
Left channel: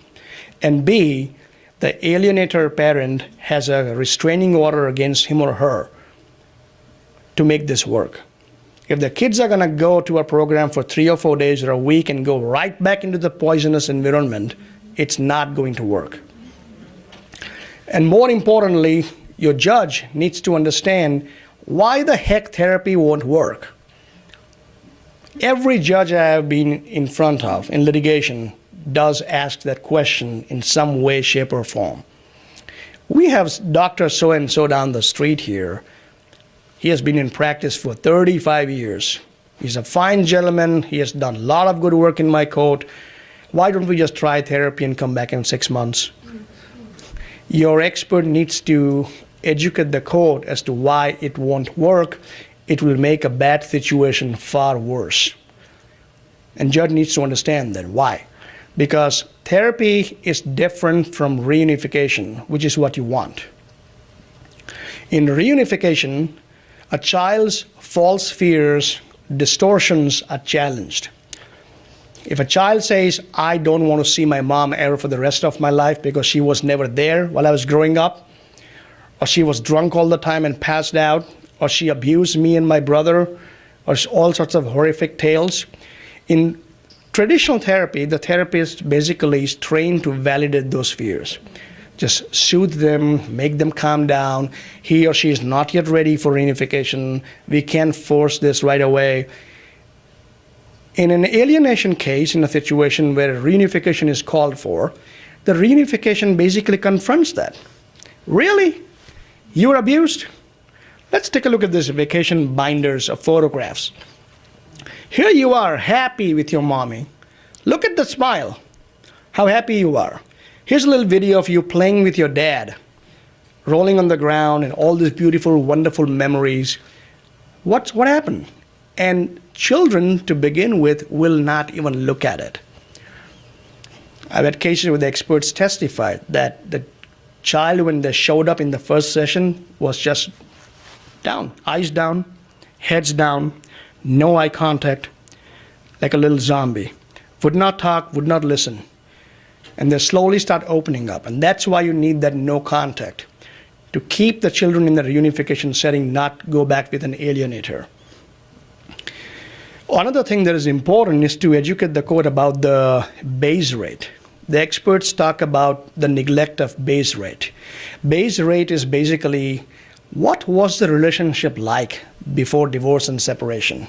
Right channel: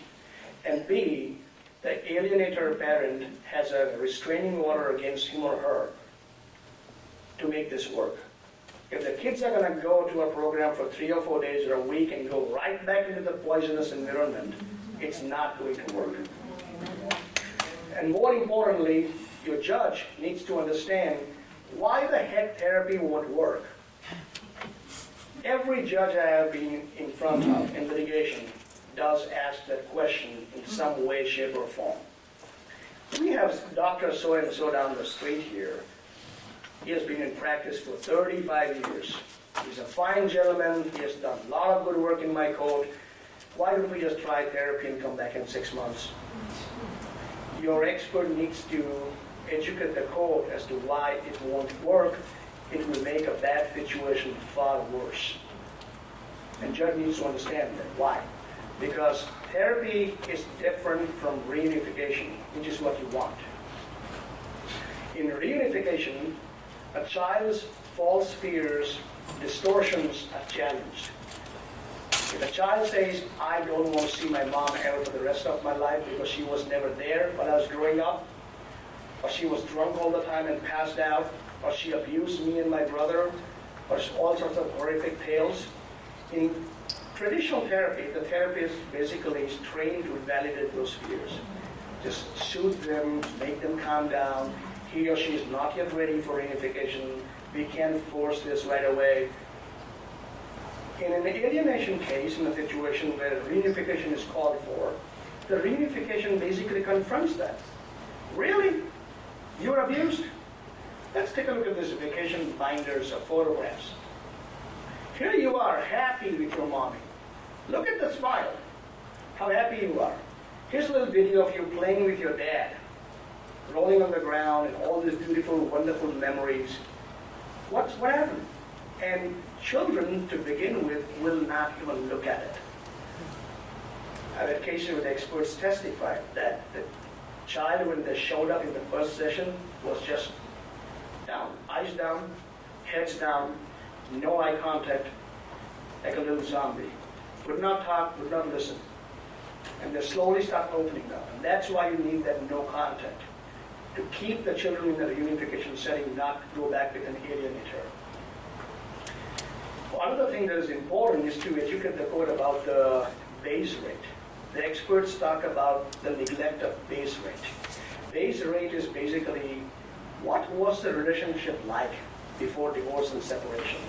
and B, the alienator parent has a restraining order against him or her to make this work. If the kids are gonna go to a program for 3 or 4 days or a week and go right back into the poisonous environment, it's not going to work. And more importantly, your judge needs to understand why the heck therapy won't work. Every judge I have been in front of in litigation does ask that question in some way, shape, or form. We have Dr. So-and-so down the street here. He has been in practice for 35 years. He's a fine gentleman. He has done a lot of good work in my court. Why don't we just try therapy and come back in 6 months? Your expert needs to educate the court as to why it won't work. It will make a bad situation far worse. And judge needs to understand that. Why? Because therapy is different from reunification, which is what you want. In reunification, a child's false fears, distortions are challenged. If a child says, I don't want to see my mom ever for the rest of my life because she was never there while I was growing up, or she was drunk all the time and passed out, or she abused me and my brother, or all sorts of horrific tales. In traditional therapy, the therapist basically is trained to validate those fears. Just soothe them, make them calm down. He or she is not yet ready for reunification. We can't force this right away. In an alienation case, in a situation where reunification is called for, the reunification basically confronts that. Really? You were abused? Let's take a look at this vacation binders of photographs. Here you are, happy with your mommy. Look at the smile, how happy you are. Here's a little video of you playing with your dad, rolling on the ground and all these beautiful, wonderful memories. What happened? And children, to begin with, will not even look at it. I've had cases where the experts testified that the child, when they showed up in the first session, was just down, eyes down, heads down, no eye contact, like a little zombie. Would not talk, would not listen. And they slowly start opening up. And that's why you need that no contact, to keep the children in the reunification setting, not go back with an alienator. Another thing that is important is to educate the court about the base rate. The experts talk about the neglect of base rate. Base rate is basically what was the relationship like before divorce and separation.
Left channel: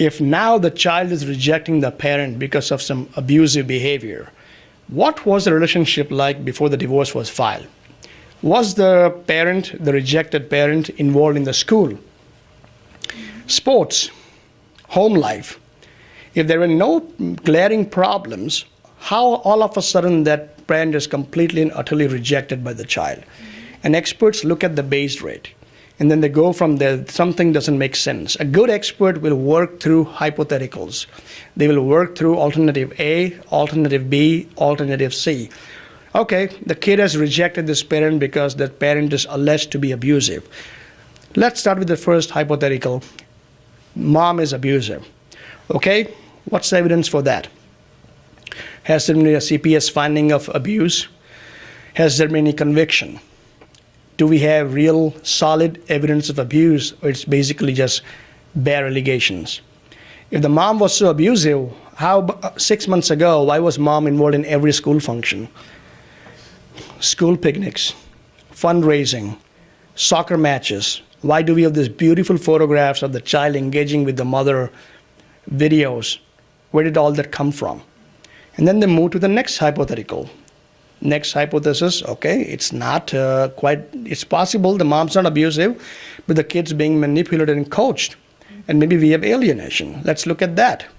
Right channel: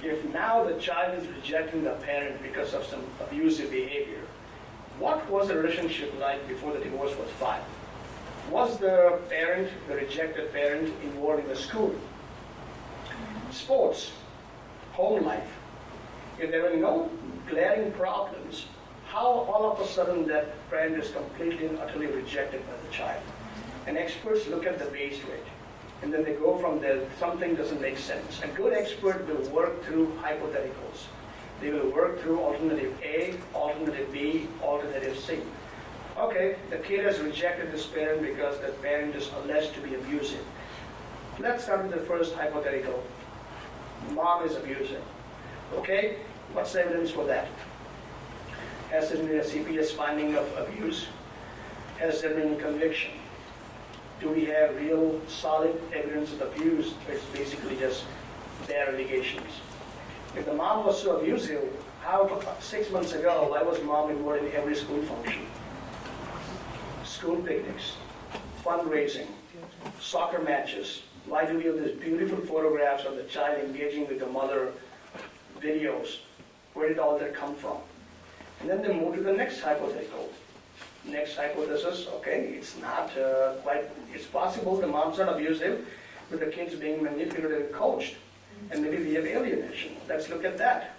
If now the child is rejecting the parent because of some abusive behavior, what was the relationship like before the divorce was filed? Was the parent, the rejected parent, involved in the school, sports, home life? If there were no glaring problems, how all of a sudden that parent is completely and utterly rejected by the child? And experts look at the base rate, and then they go from there. Something doesn't make sense. A good expert will work through hypotheticals. They will work through alternative A, alternative B, alternative C. Okay, the kid has rejected this parent because that parent is alleged to be abusive. Let's start with the first hypothetical. Mom is abusive. Okay, what's the evidence for that? Has there been a CPS finding of abuse? Has there been any conviction? Do we have real solid evidence of abuse, or it's basically just bare allegations? If the mom was so abusive, how 6 months ago, why was mom involved in every school function? School picnics, fundraising, soccer matches. Why do we have these beautiful photographs of the child engaging with the mother, videos? Where did all that come from? And then they move to the next hypothetical. Next hypothesis, okay, it's not it's possible the mom's not abusive, but the kid's being manipulated and coached. And maybe we have alienation. Let's look at that.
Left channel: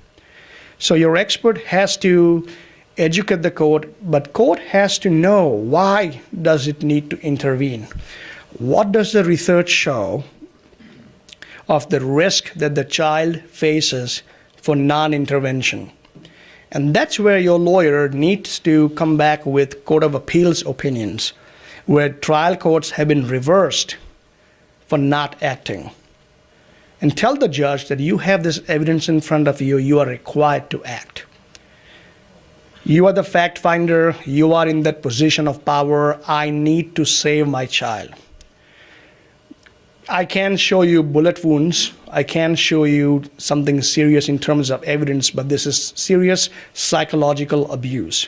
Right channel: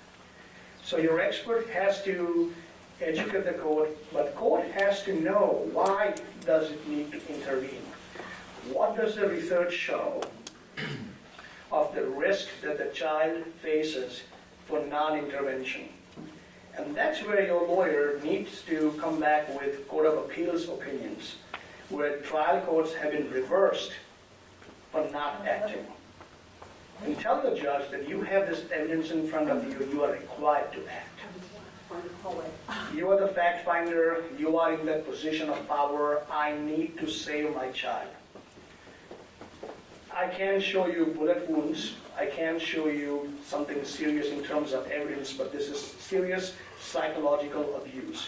So your expert has to educate the court, but court has to know why does it need to intervene. What does the research show of the risk that the child faces for non-intervention? And that's where your lawyer needs to come back with Court of Appeals opinions, where trial courts have been reversed for not acting. And tell the judge that you have this evidence in front of you, you are required to act. You are the fact finder, you are in that position of power. I need to save my child. I can show you bullet wounds. I can show you something serious in terms of evidence, but this is serious psychological abuse.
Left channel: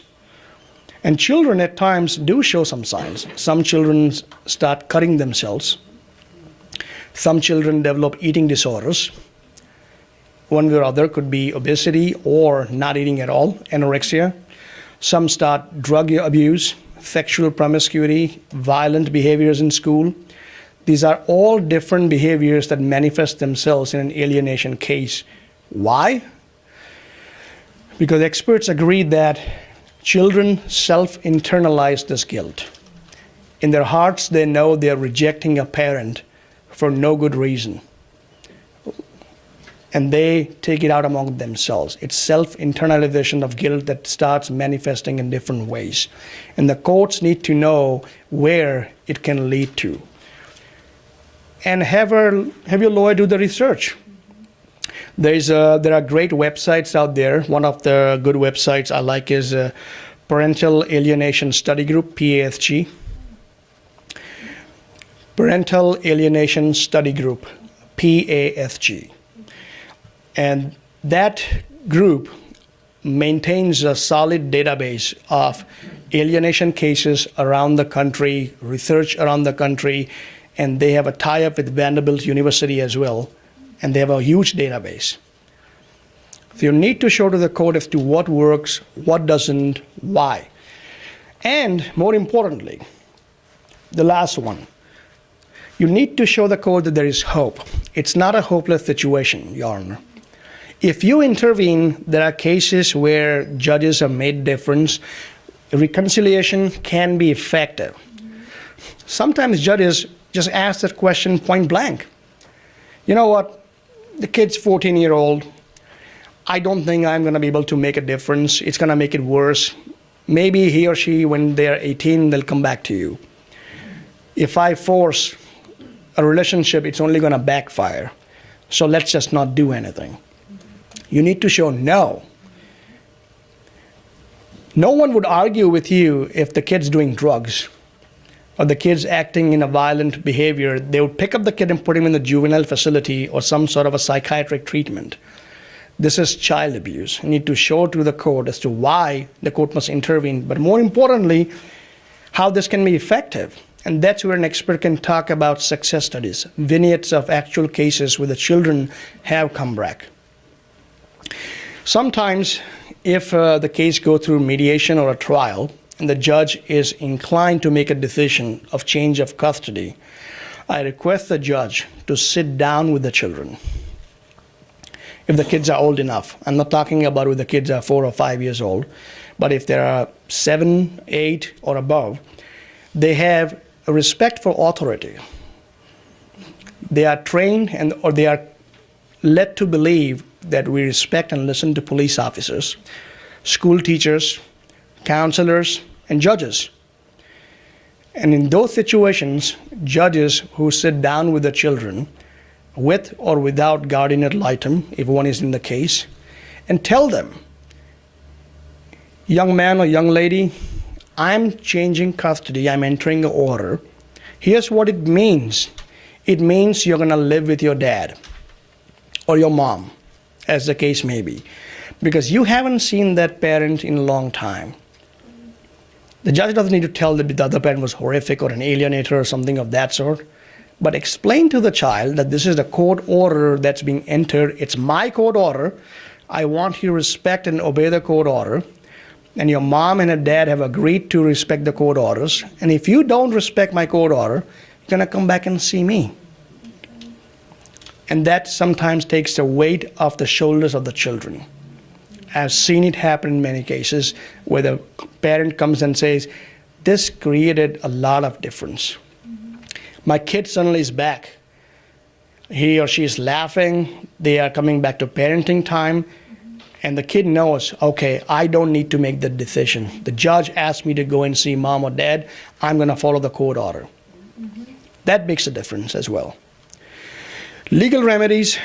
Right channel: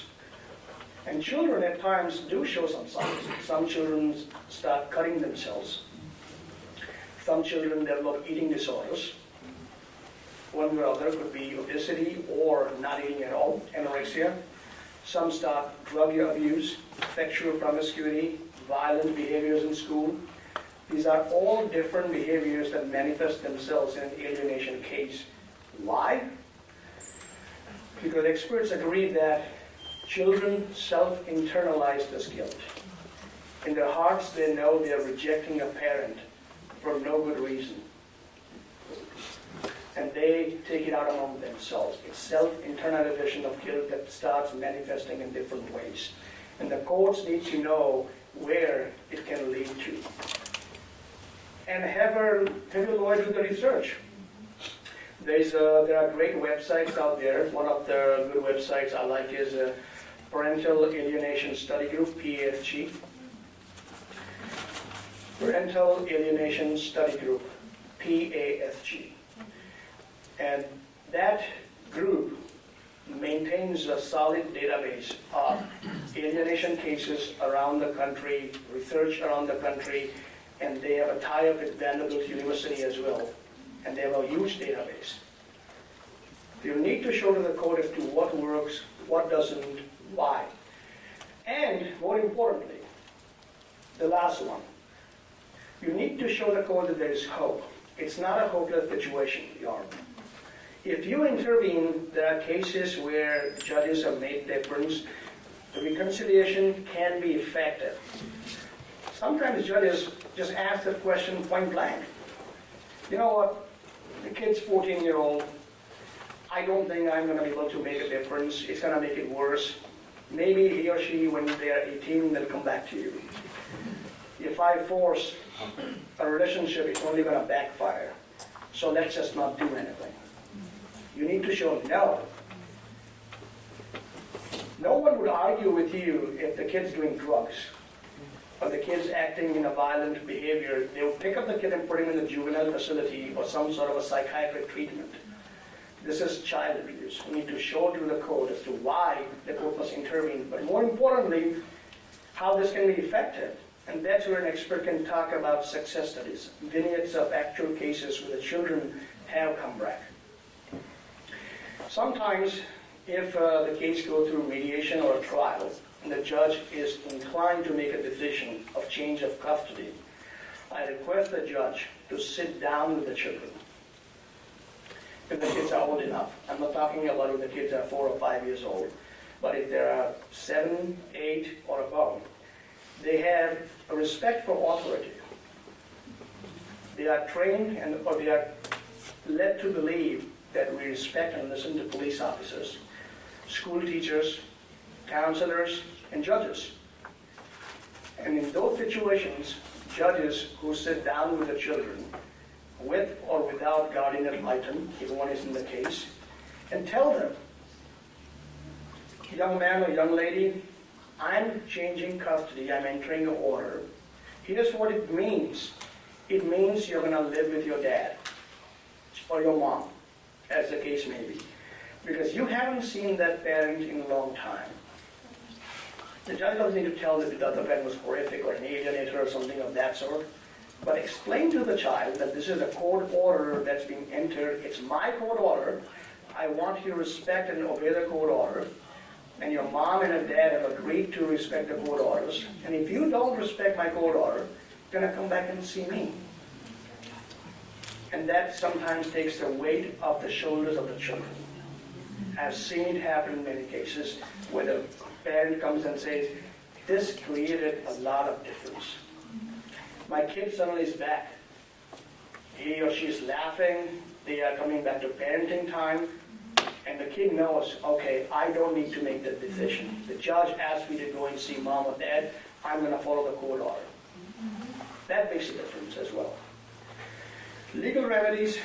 And children at times do show some signs. Some children start cutting themselves. Some children develop eating disorders. One way or other could be obesity or not eating at all, anorexia. Some start drug abuse, sexual promiscuity, violent behaviors in school. These are all different behaviors that manifest themselves in an alienation case. Why? Because experts agree that children self-internalize this guilt. In their hearts, they know they're rejecting a parent for no good reason. And they take it out among themselves. It's self-internalization of guilt that starts manifesting in different ways. And the courts need to know where it can lead to. And have your lawyer do the research. There are great websites out there. One of the good websites I like is Parental Alienation Study Group, PASG. Parental Alienation Study Group, PASG. And that group maintains a solid database of alienation cases around the country, research around the country, and they have a tie-up with Vanderbilt University as well, and they have a huge database. So you need to show to the court as to what works, what doesn't, why. And more importantly, the last one, you need to show the court that there is hope. It's not a hopeless situation, Your Honor. If you intervene, there are cases where judges have made difference. Reconciliation can be effective. Sometimes judges just ask that question point blank. You know what? The kid's 14-year-old. I don't think I'm going to be able to make a difference. It's going to make it worse. Maybe he or she, when they're 18, they'll come back to you. If I force a relationship, it's only going to backfire. So let's just not do anything. You need to show no. No one would argue with you if the kid's doing drugs or the kid's acting in a violent behavior. They would pick up the kid and put him in the juvenile facility or some sort of a psychiatric treatment. This is child abuse. You need to show to the court as to why the court must intervene, but more importantly, how this can be effective. And that's where an expert can talk about success studies, vignettes of actual cases where the children have come back. Sometimes, if the case goes through mediation or a trial, and the judge is inclined to make a decision of change of custody, I request the judge to sit down with the children. If the kids are old enough, I'm not talking about if the kids are 4 or 5 years old, but if they are 7, 8, or above, they have a respect for authority. They are trained or they are led to believe that we respect and listen to police officers, school teachers, counselors, and judges. And in those situations, judges who sit down with the children, with or without guardian ad litem, if one is in the case, and tell them, young man or young lady, I'm changing custody, I'm entering an order. Here's what it means. It means you're gonna live with your dad or your mom, as the case may be, because you haven't seen that parent in a long time. The judge doesn't need to tell that the other parent was horrific or an alienator or something of that sort, but explain to the child that this is the court order that's being entered. It's my court order. I want you to respect and obey the court order. And your mom and your dad have agreed to respect the court orders. And if you don't respect my court order, you're gonna come back and see me. And that sometimes takes the weight off the shoulders of the children. I've seen it happen in many cases where the parent comes and says, this created a lot of difference. My kid suddenly is back. He or she is laughing. They are coming back to parenting time. And the kid knows, okay, I don't need to make the decision. The judge asked me to go and see mom or dad. I'm going to follow the court order. That makes a difference as well. Legal remedies,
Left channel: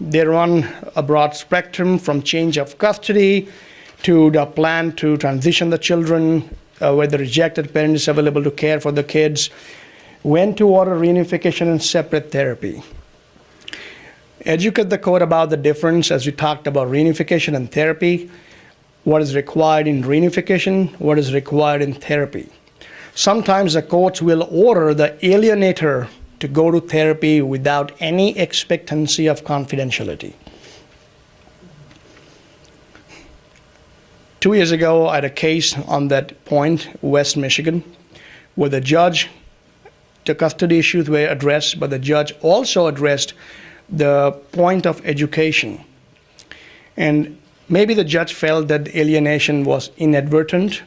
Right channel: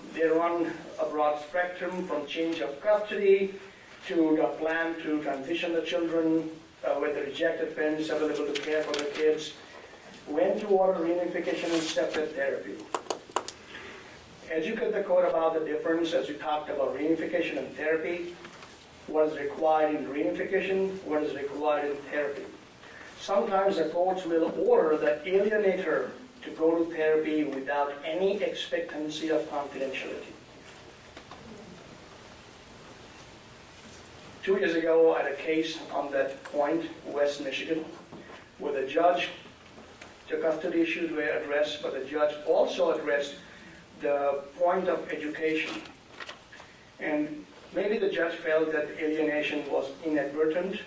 they run a broad spectrum from change of custody to the plan to transition the children, where the rejected parent is available to care for the kids, when to order reunification and separate therapy. Educate the court about the difference, as we talked about reunification and therapy, what is required in reunification, what is required in therapy. Sometimes the courts will order the alienator to go to therapy without any expectancy of confidentiality. 2 years ago, I had a case on that point, West Michigan, where the judge, the custody issues were addressed, but the judge also addressed the point of education. And maybe the judge felt that alienation was inadvertent,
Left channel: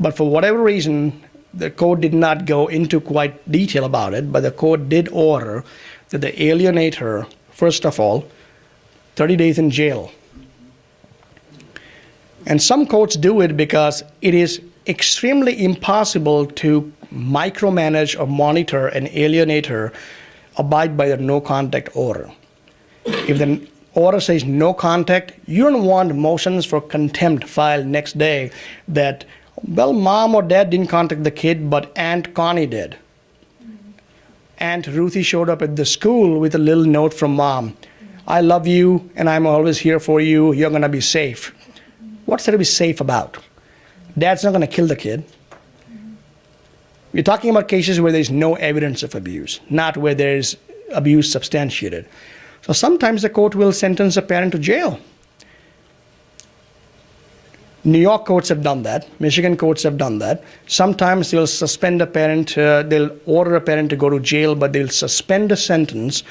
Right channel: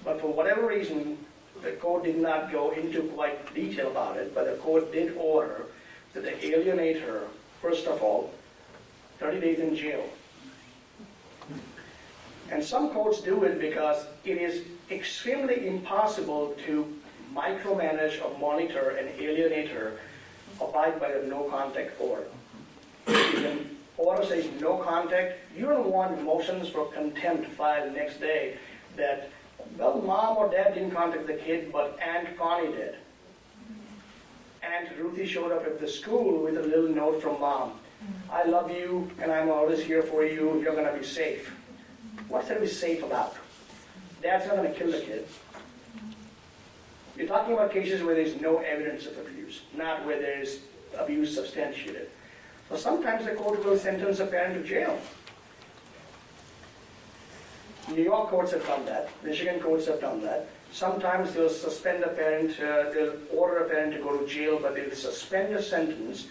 but for whatever reason, the court did not go into quite detail about it, but the court did order that the alienator, first of all, 30 days in jail. And some courts do it because it is extremely impossible to micromanage or monitor an alienator abide by the no contact order. If the order says no contact, you don't want motions for contempt filed next day that, well, mom or dad didn't contact the kid, but Aunt Connie did. Aunt Ruthie showed up at the school with a little note from mom. I love you and I'm always here for you. You're gonna be safe. What's there to be safe about? Dad's not gonna kill the kid. We're talking about cases where there's no evidence of abuse, not where there's abuse substantiated. So sometimes the court will sentence a parent to jail. New York courts have done that. Michigan courts have done that. Sometimes they'll suspend a parent, they'll order a parent to go to jail, but they'll suspend a sentence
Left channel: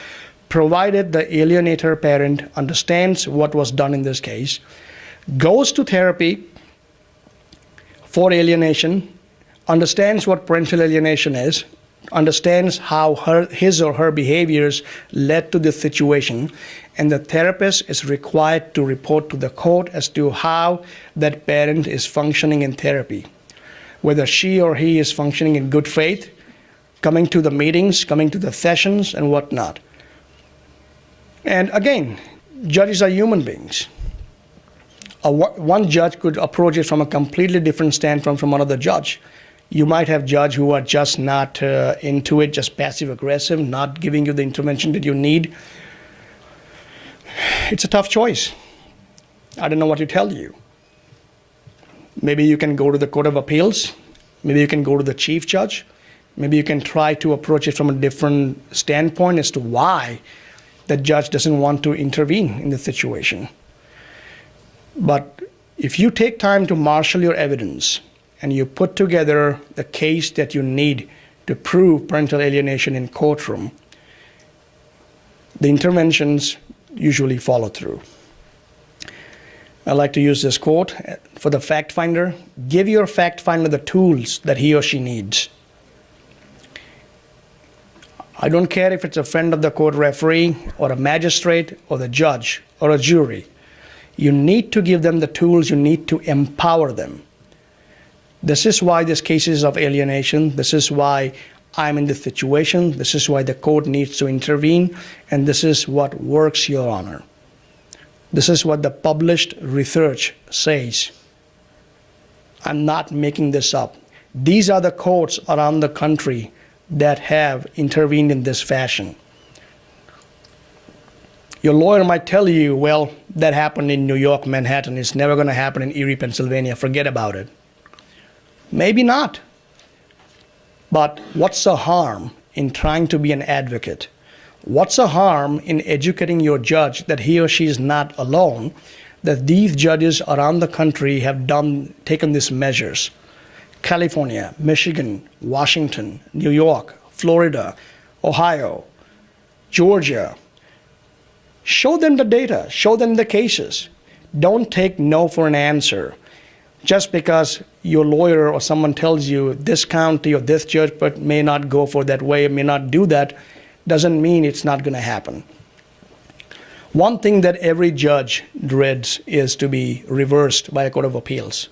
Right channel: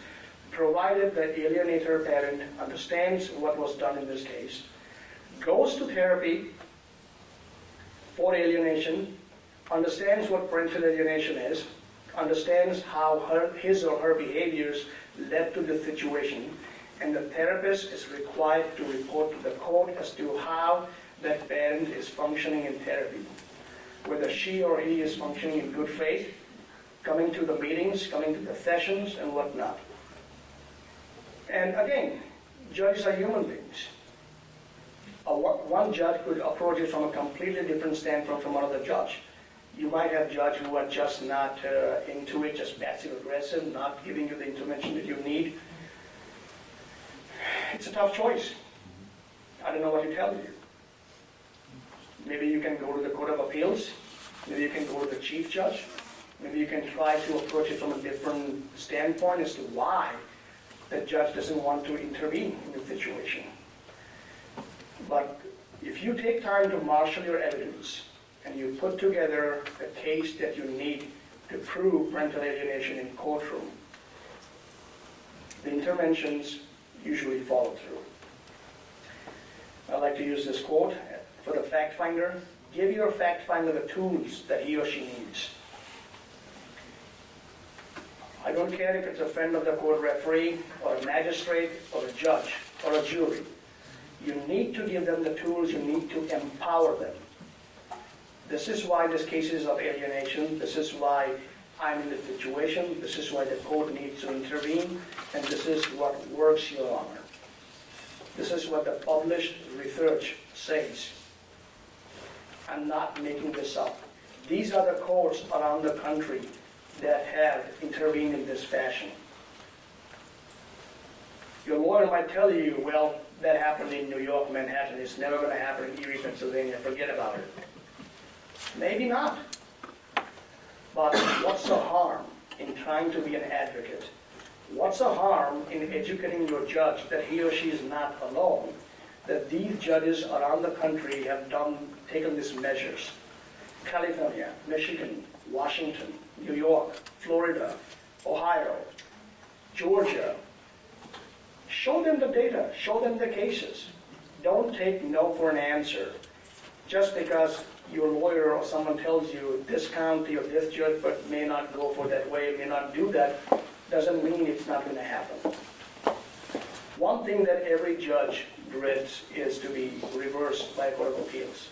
provided the alienator parent understands what was done in this case, goes to therapy for alienation, understands what parental alienation is, understands how his or her behaviors led to this situation, and the therapist is required to report to the court as to how that parent is functioning in therapy, whether she or he is functioning in good faith, coming to the meetings, coming to the sessions, and whatnot. And again, judges are human beings. One judge could approach it from a completely different standpoint from another judge. You might have judges who are just not into it, just passive-aggressive, not giving you the intervention that you need. It's a tough choice. I don't know what to tell you. Maybe you can go to the Court of Appeals. Maybe you can go to the chief judge. Maybe you can try to approach it from a different standpoint as to why the judge doesn't want to intervene in the situation. But if you take time to marshal your evidence and you put together the case that you need to prove parental alienation in courtroom, the interventions usually follow through. I like to use this quote for the fact finder: give your fact finder the tools that he or she needs. I don't care if it's a friend of the court referee or a magistrate or the judge or a jury. You need to give them the tools, you need to empower them. This is why this case is of alienation. This is why I'm in this situation. This is why the court needs to intervene. And this is what works, Your Honor. This is what the published research says. I'm not making this up. These are the courts around the country that have intervened in this fashion. Your lawyer might tell you, well, that happened in New York, Manhattan. It's never going to happen in Erie, Pennsylvania. Forget about it. Maybe not. But what's the harm in trying to be an advocate? What's the harm in educating your judge that he or she is not alone, that these judges around the country have taken these measures? California, Michigan, Washington, New York, Florida, Ohio, Georgia. Show them the data, show them the cases. Don't take no for an answer. Just because your lawyer or someone tells you this county or this judge but may not go for that way, may not do that, doesn't mean it's not going to happen. One thing that every judge dreads is to be reversed by a court of appeals.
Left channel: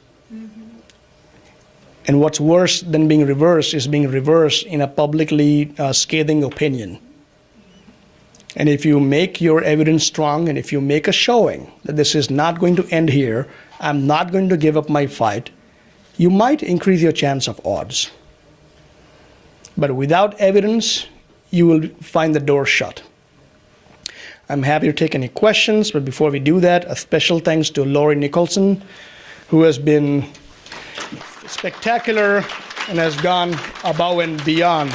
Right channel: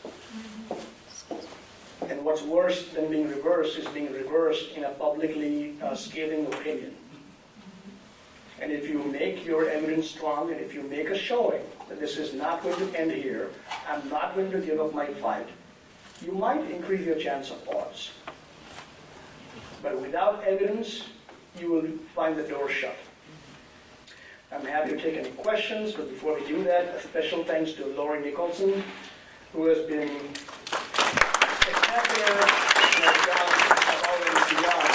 And what's worse than being reversed is being reversed in a publicly scathing opinion. And if you make your evidence strong and if you make a showing that this is not going to end here, I'm not going to give up my fight, you might increase your chance of odds. But without evidence, you will find the door shut. I'm happy to take any questions, but before we do that, a special thanks to Lori Nicholson, who has been spectacular and has gone above and beyond.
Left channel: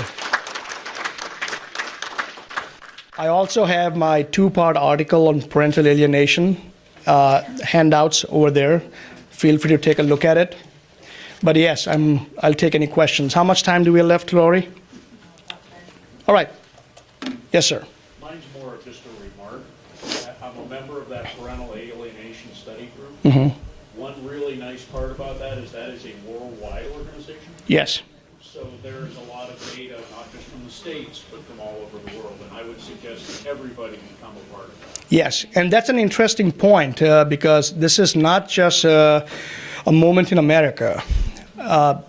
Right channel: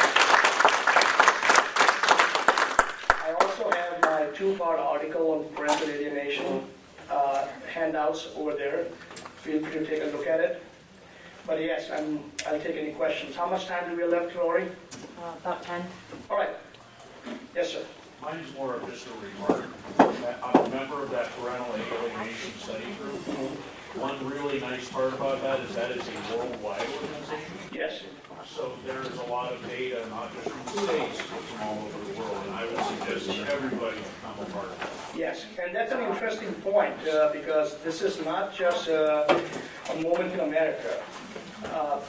I also have my two-part article on parental alienation handouts over there. Feel free to take a look at it. But yes, I'll take any questions. How much time do we have left, Lori? About 10. All right. Yes, sir. Mine's more of just a remark. I'm a member of that parental alienation study group. Mm-hmm. One really nice part about that is a worldwide organization. Yes. So there's a lot of data, not just from the states, but from all over the world. And I would suggest that everybody become a part of that. Yes, and that's an interesting point because this is not just a moment in America.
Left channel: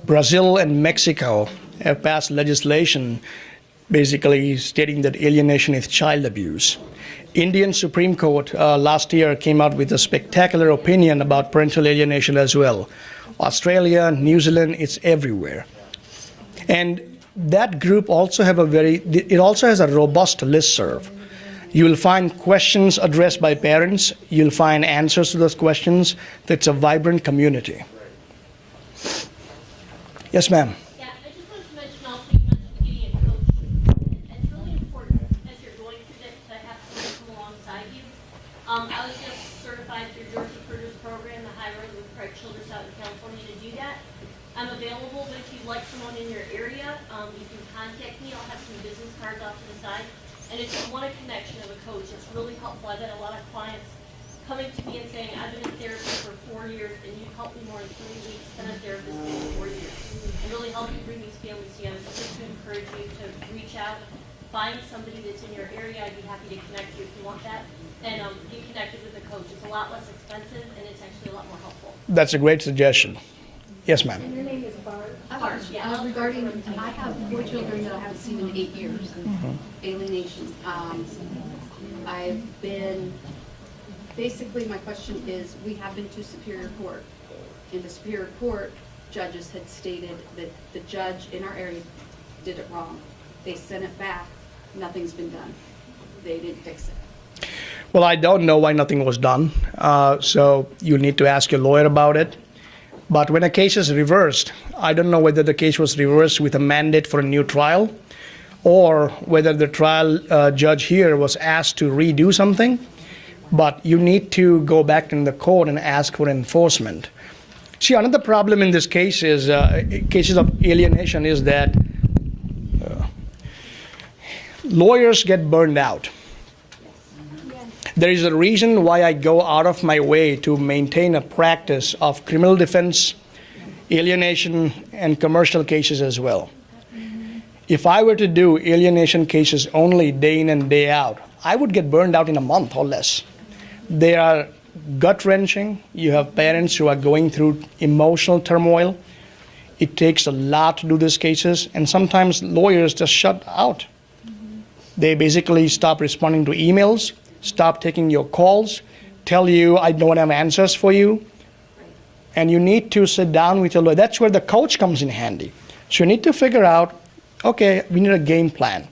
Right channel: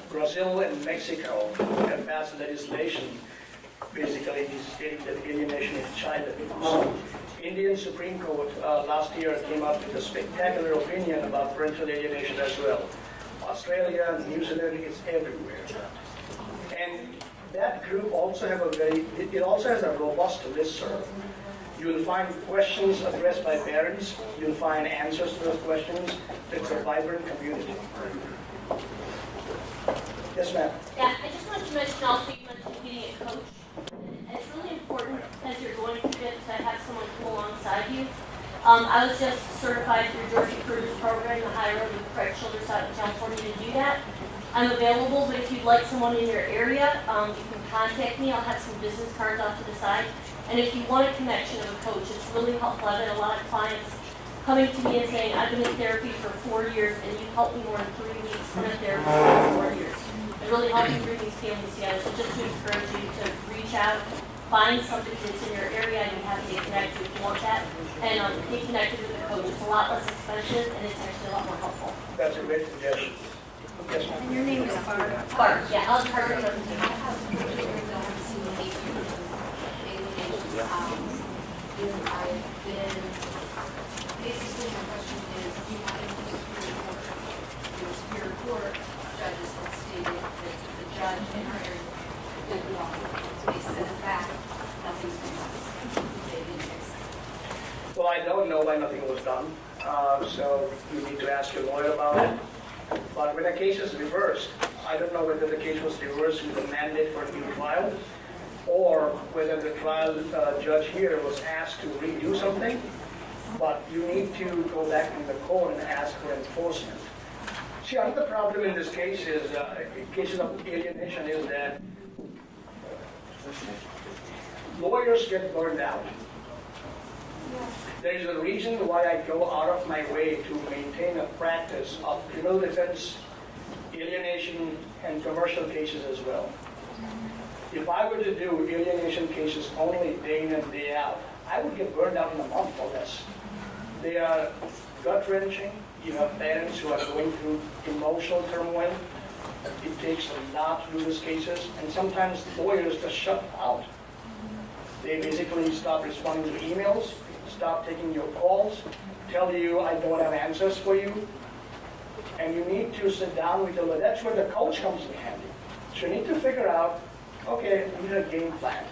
Brazil and Mexico have passed legislation basically stating that alienation is child abuse. Indian Supreme Court last year came out with a spectacular opinion about parental alienation as well. Australia, New Zealand, it's everywhere. And that group also it also has a robust listserv. You will find questions addressed by parents. You'll find answers to those questions. It's a vibrant community. Yes, ma'am. Yeah, I just wanted to mention also, you mentioned getting a coach. And it's really important as you're going through it to have someone come alongside you. I was just certified through Georgia Cruz's program, the High Road with Craig Childress out in California to do that. I'm available, but if you'd like someone in your area, you can contact me. I'll have some business cards off to the side. And if you want a connection of a coach, it's really helpful. I've had a lot of clients coming to me and saying, I've been in therapy for 4 years and you helped me more in 3 weeks than in therapy for 4 years. It really helps you bring these families together. So just to encourage you to reach out, find somebody that's in your area, and you have to get connected if you want that. And get connected with a coach. It's a lot less expensive and it's actually a lot more helpful. That's a great suggestion. Yes, ma'am. And your name is Barb. Barb, yeah, I'll I start have from 4 children that have seen 8 years of alienation. I've been, basically my question is, we have been to Superior Court. In the Superior Court, judges had stated that the judge in our area did it wrong. They sent it back, nothing's been done. They didn't fix it. Well, I don't know why nothing was done, so you need to ask your lawyer about it. But when a case is reversed, I don't know whether the case was reversed with a mandate for a new trial or whether the trial judge here was asked to redo something. but you need to go back in the court and ask for enforcement. See, another problem in this case is cases of alienation is that lawyers get burned out. There is a reason why I go out of my way to maintain a practice of criminal defense, alienation, and commercial cases as well. If I were to do alienation cases only day in and day out, I would get burned out in a month or less. They are gut-wrenching. You have parents who are going through emotional turmoil. It takes a lot to do these cases, and sometimes lawyers just shut out. They basically stop responding to emails, stop taking your calls, tell you, I don't have answers for you. And you need to sit down with your lawyer. That's where the coach comes in handy. So you need to figure out, okay, we need a game plan.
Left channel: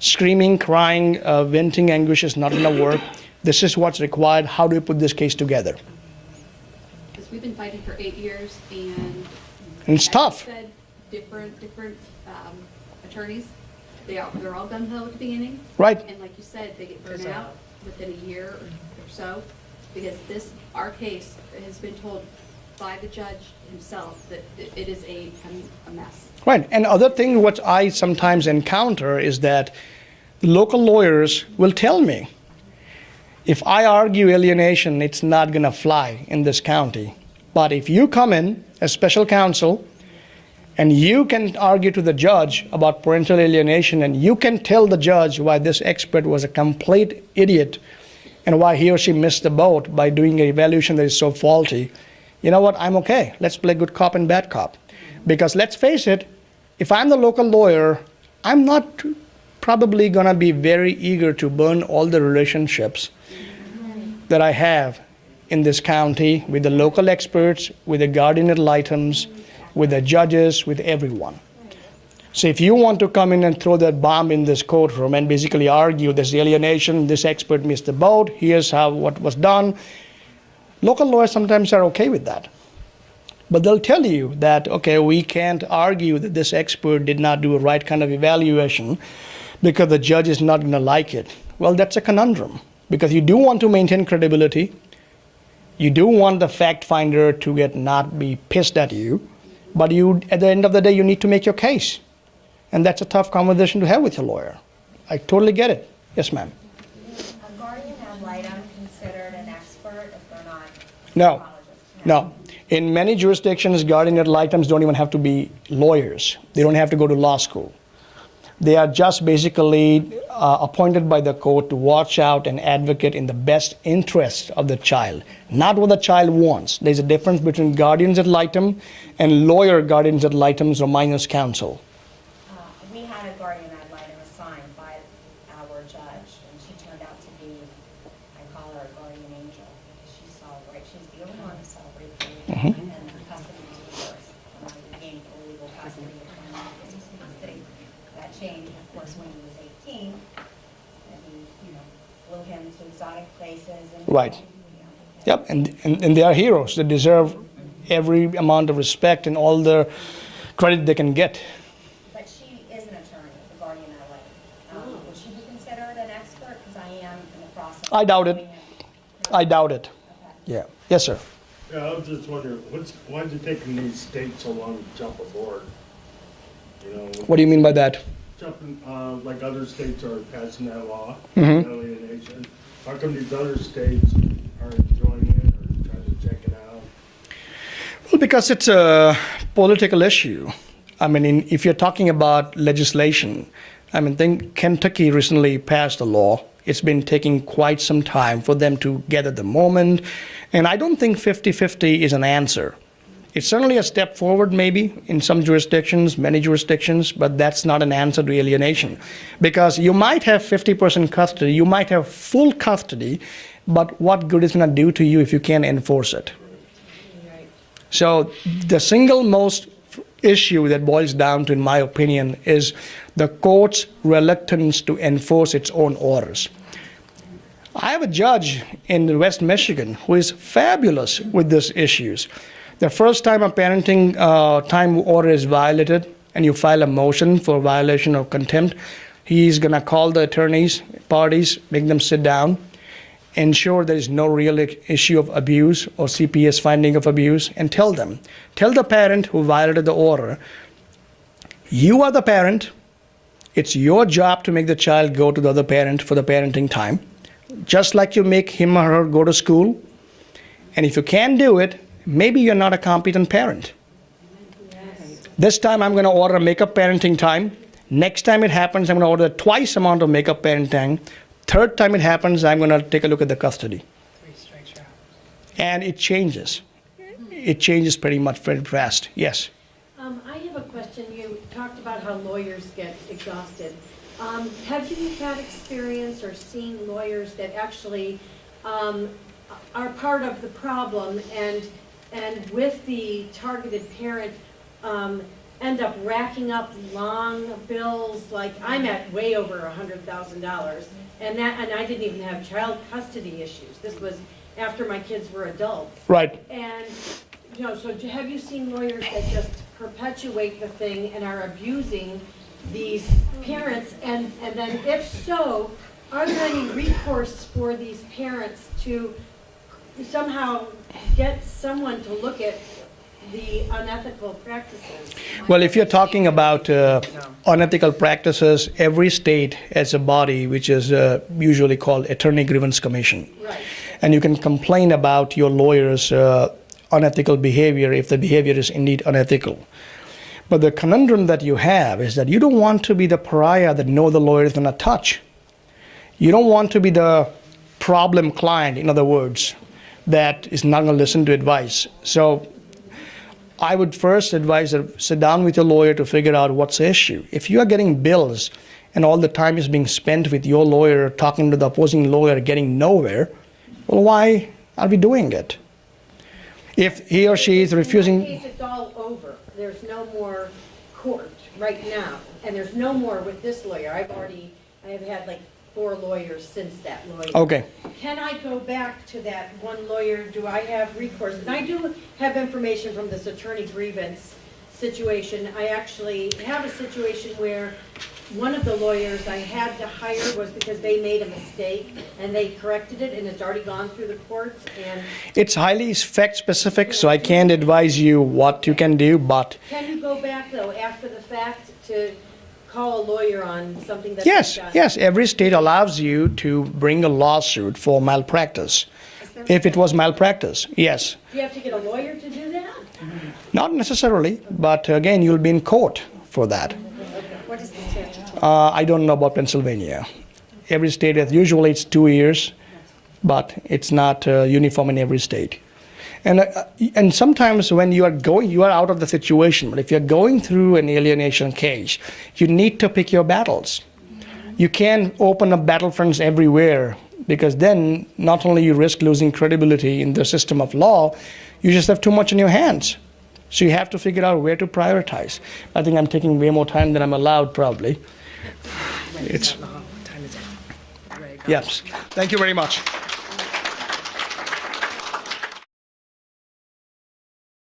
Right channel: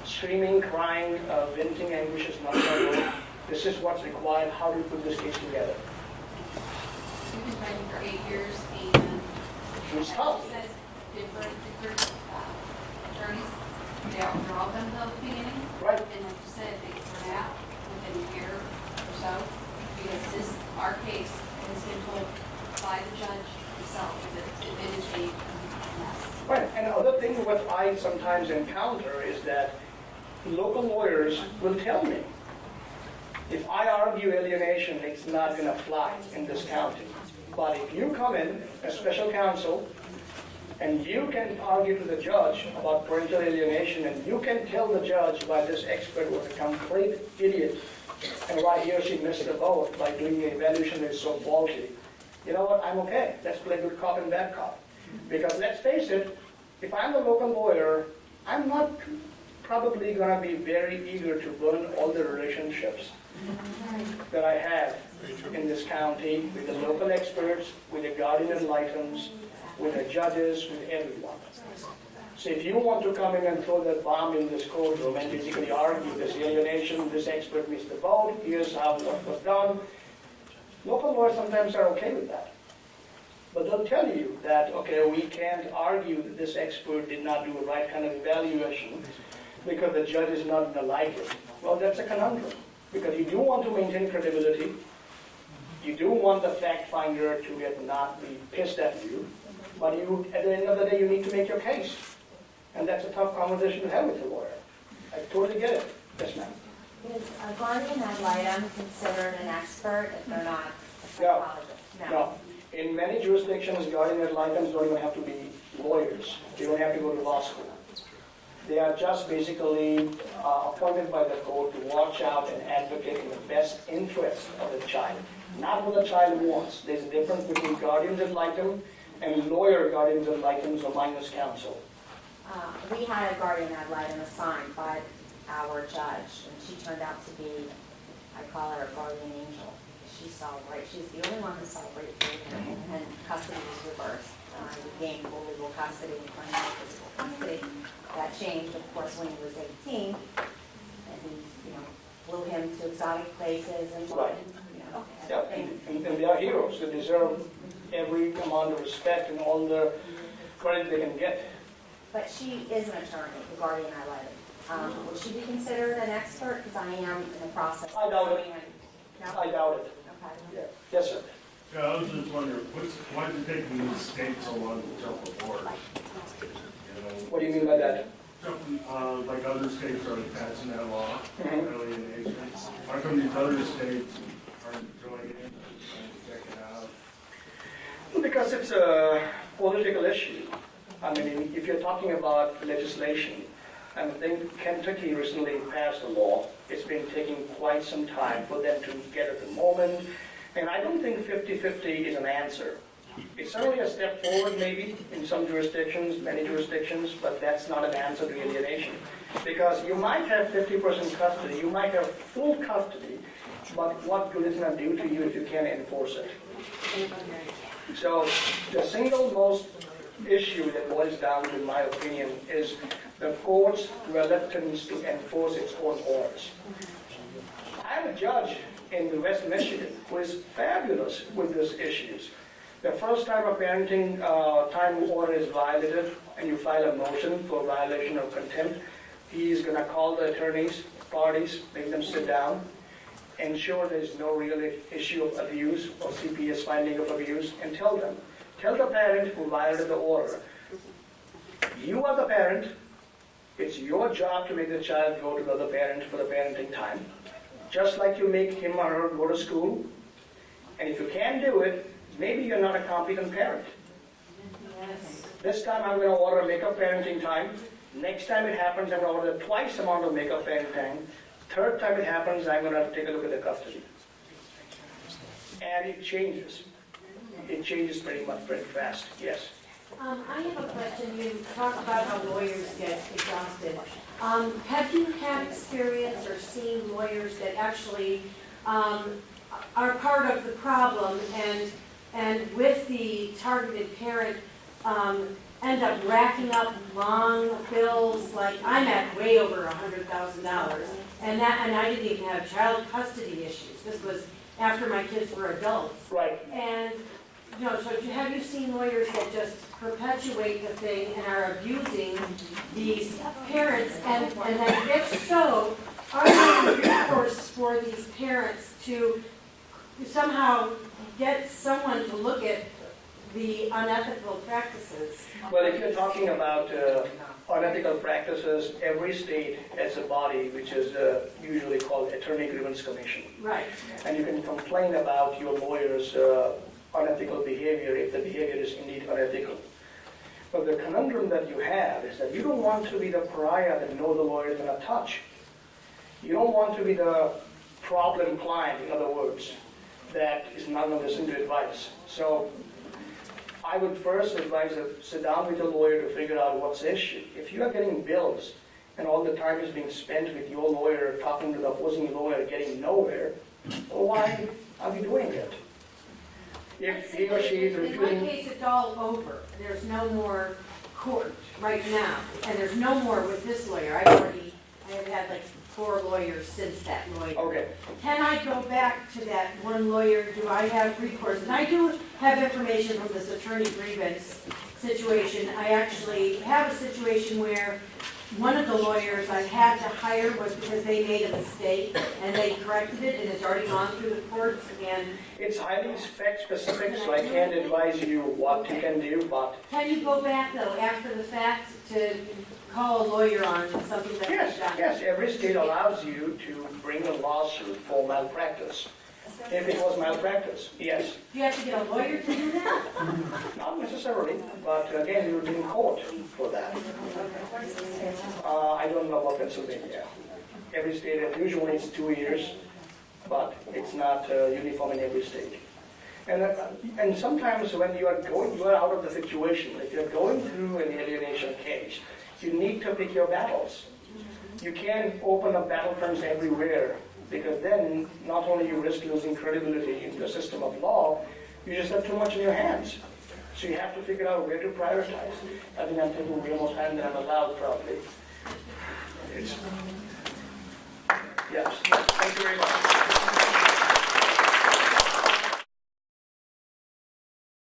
Screaming, crying, venting anguish is not going to work. This is what's required. How do we put this case together? We've been fighting for 8 years, and And it's tough. says different attorneys, they're all done well at the beginning. Right. And like you said, they get thrown out within a year or so, because our case has been told by the judge himself that it is a mess. Right. And other thing what I sometimes encounter is that local lawyers will tell me, if I argue alienation, it's not going to fly in this county. But if you come in as special counsel and you can argue to the judge about parental alienation and you can tell the judge why this expert was a complete idiot and why he or she missed the boat by doing an evaluation that is so faulty, you know what, I'm okay. Let's play good cop and bad cop. Because let's face it, if I'm the local lawyer, I'm not probably going to be very eager to burn all the relationships that I have in this county with the local experts, with the guardian ad litems, with the judges, with everyone. So if you want to come in and throw that bomb in this courtroom and basically argue this alienation, this expert missed the boat, here's how what was done, local lawyers sometimes are okay with that. But they'll tell you that, okay, we can't argue that this expert did not do a right kind of evaluation because the judge is not going to like it. Well, that's a conundrum, because you do want to maintain credibility. You do want the fact finder to not be pissed at you, but you, at the end of the day, you need to make your case. And that's a tough conversation to have with your lawyer. I totally get it. Yes, ma'am. Is a guardian ad litem considered an expert if they're not a No. psychologist? No. In many jurisdictions, guardian ad litems don't even have to be lawyers. They don't have to go to law school. They are just basically appointed by the court to watch out and advocate in the best interest of the child, not what the child wants. There's a difference between guardians ad litem and lawyer guardians ad litems or minors counsel. We had a guardian ad litem assigned by our judge, and she turned out to be, I call her a guardian angel. She celebrated, she's the only one who celebrated me, and then custody was reversed. We gained full legal custody and claimed physical custody. That changed, of course, when he was 18, and he, flew him to exotic places. And, Right. Yep, and they are heroes. They deserve every amount of respect and all the credit they can get. But she is an attorney, the guardian ad litem. Would she be considered an expert? Because I am in the process. I doubt it. No? I doubt it. Okay. Yeah. Yes, sir. Yeah, I was just wondering, why is it taking these states so long to jump aboard? You know, What do you mean by that? jumping, like other states are passing that law, Mhm. alienation. How come these other states aren't joining in or trying to check it out? Well, because it's a political issue. I mean, if you're talking about legislation, I mean, think Kentucky recently passed a law. It's been taking quite some time for them to gather the moment. And I don't think 50-50 is an answer. It's certainly a step forward, maybe, in some jurisdictions, many jurisdictions, but that's not an answer to alienation. Because you might have 50% custody, you might have full custody, but what good is it going to do to you if you can't enforce it? So the single most issue that boils down to, in my opinion, is the court's reluctance to enforce its own orders. I have a judge in West Michigan who is fabulous with these issues. The first time a parenting time order is violated and you file a motion for violation of contempt, he's going to call the attorneys, parties, make them sit down, ensure there is no real issue of abuse or CPS finding of abuse, and tell them. Tell the parent who violated the order, you are the parent. It's your job to make the child go to the other parent for the parenting time, just like you make him or her go to school. And if you can't do it, maybe you're not a competent parent. This time I'm going to order makeup parenting time. Next time it happens, I'm going to order twice amount of makeup parenting. Third time it happens, I'm going to take a look at the custody. And it changes. It changes pretty much very fast. Yes. I have a question. You talk about how lawyers get exhausted. Have you had experience or seen lawyers that actually are part of the problem and with the targeted parent end up racking up long bills? Like, I'm at way over $100,000, and I didn't even have child custody issues. This was after my kids were adults. Right. And, you know, so have you seen lawyers that just perpetuate the thing and are abusing these parents? And then if so, are there any recourse for these parents to somehow get someone to look at the unethical practices? Well, if you're talking about unethical practices, every state has a body which is usually called Attorney Grievance Commission. Right. And you can complain about your lawyer's unethical behavior if the behavior is indeed unethical. But the conundrum that you have is that you don't want to be the pariah that no the lawyer is going to touch. You don't want to be the problem client, in other words, that is not going to listen to advice. So I would first advise that sit down with your lawyer to figure out what's the issue. If you are getting bills and all the time is being spent with your lawyer talking to the opposing lawyer getting nowhere, well, why are we doing it? If he or she is refusing... In my case, it's all over. There's no more court right now, and there's no more with this lawyer. I have had like 4 lawyers since that lawyer. Okay. Can I go back to that one lawyer? Do I have recourse? And I do have information from this attorney grievance situation. I actually have a situation where one of the lawyers I had to hire was because they made a mistake and they corrected it and it's already gone through the courts and... It's highly fact specific, so I can't advise you what you can do, but... Can you go back though after the fact to call a lawyer on something that's... Yes, every state allows you to bring a lawsuit for malpractice. If it was malpractice, yes. Do you have to get a lawyer to do that? Not necessarily, but again, you'll be in court for that. I don't know about Pennsylvania. Every state, usually it's 2 years, but it's not uniform in every state. And sometimes when you are out of the situation, but if you're going through an alienation case, you need to pick your battles. You can't open up battlefronts everywhere, because then not only you risk losing credibility in the system of law, you just have too much in your hands. So you have to figure out where to prioritize. I think I'm taking way more time than I'm allowed, probably. Yes. Thank you very much.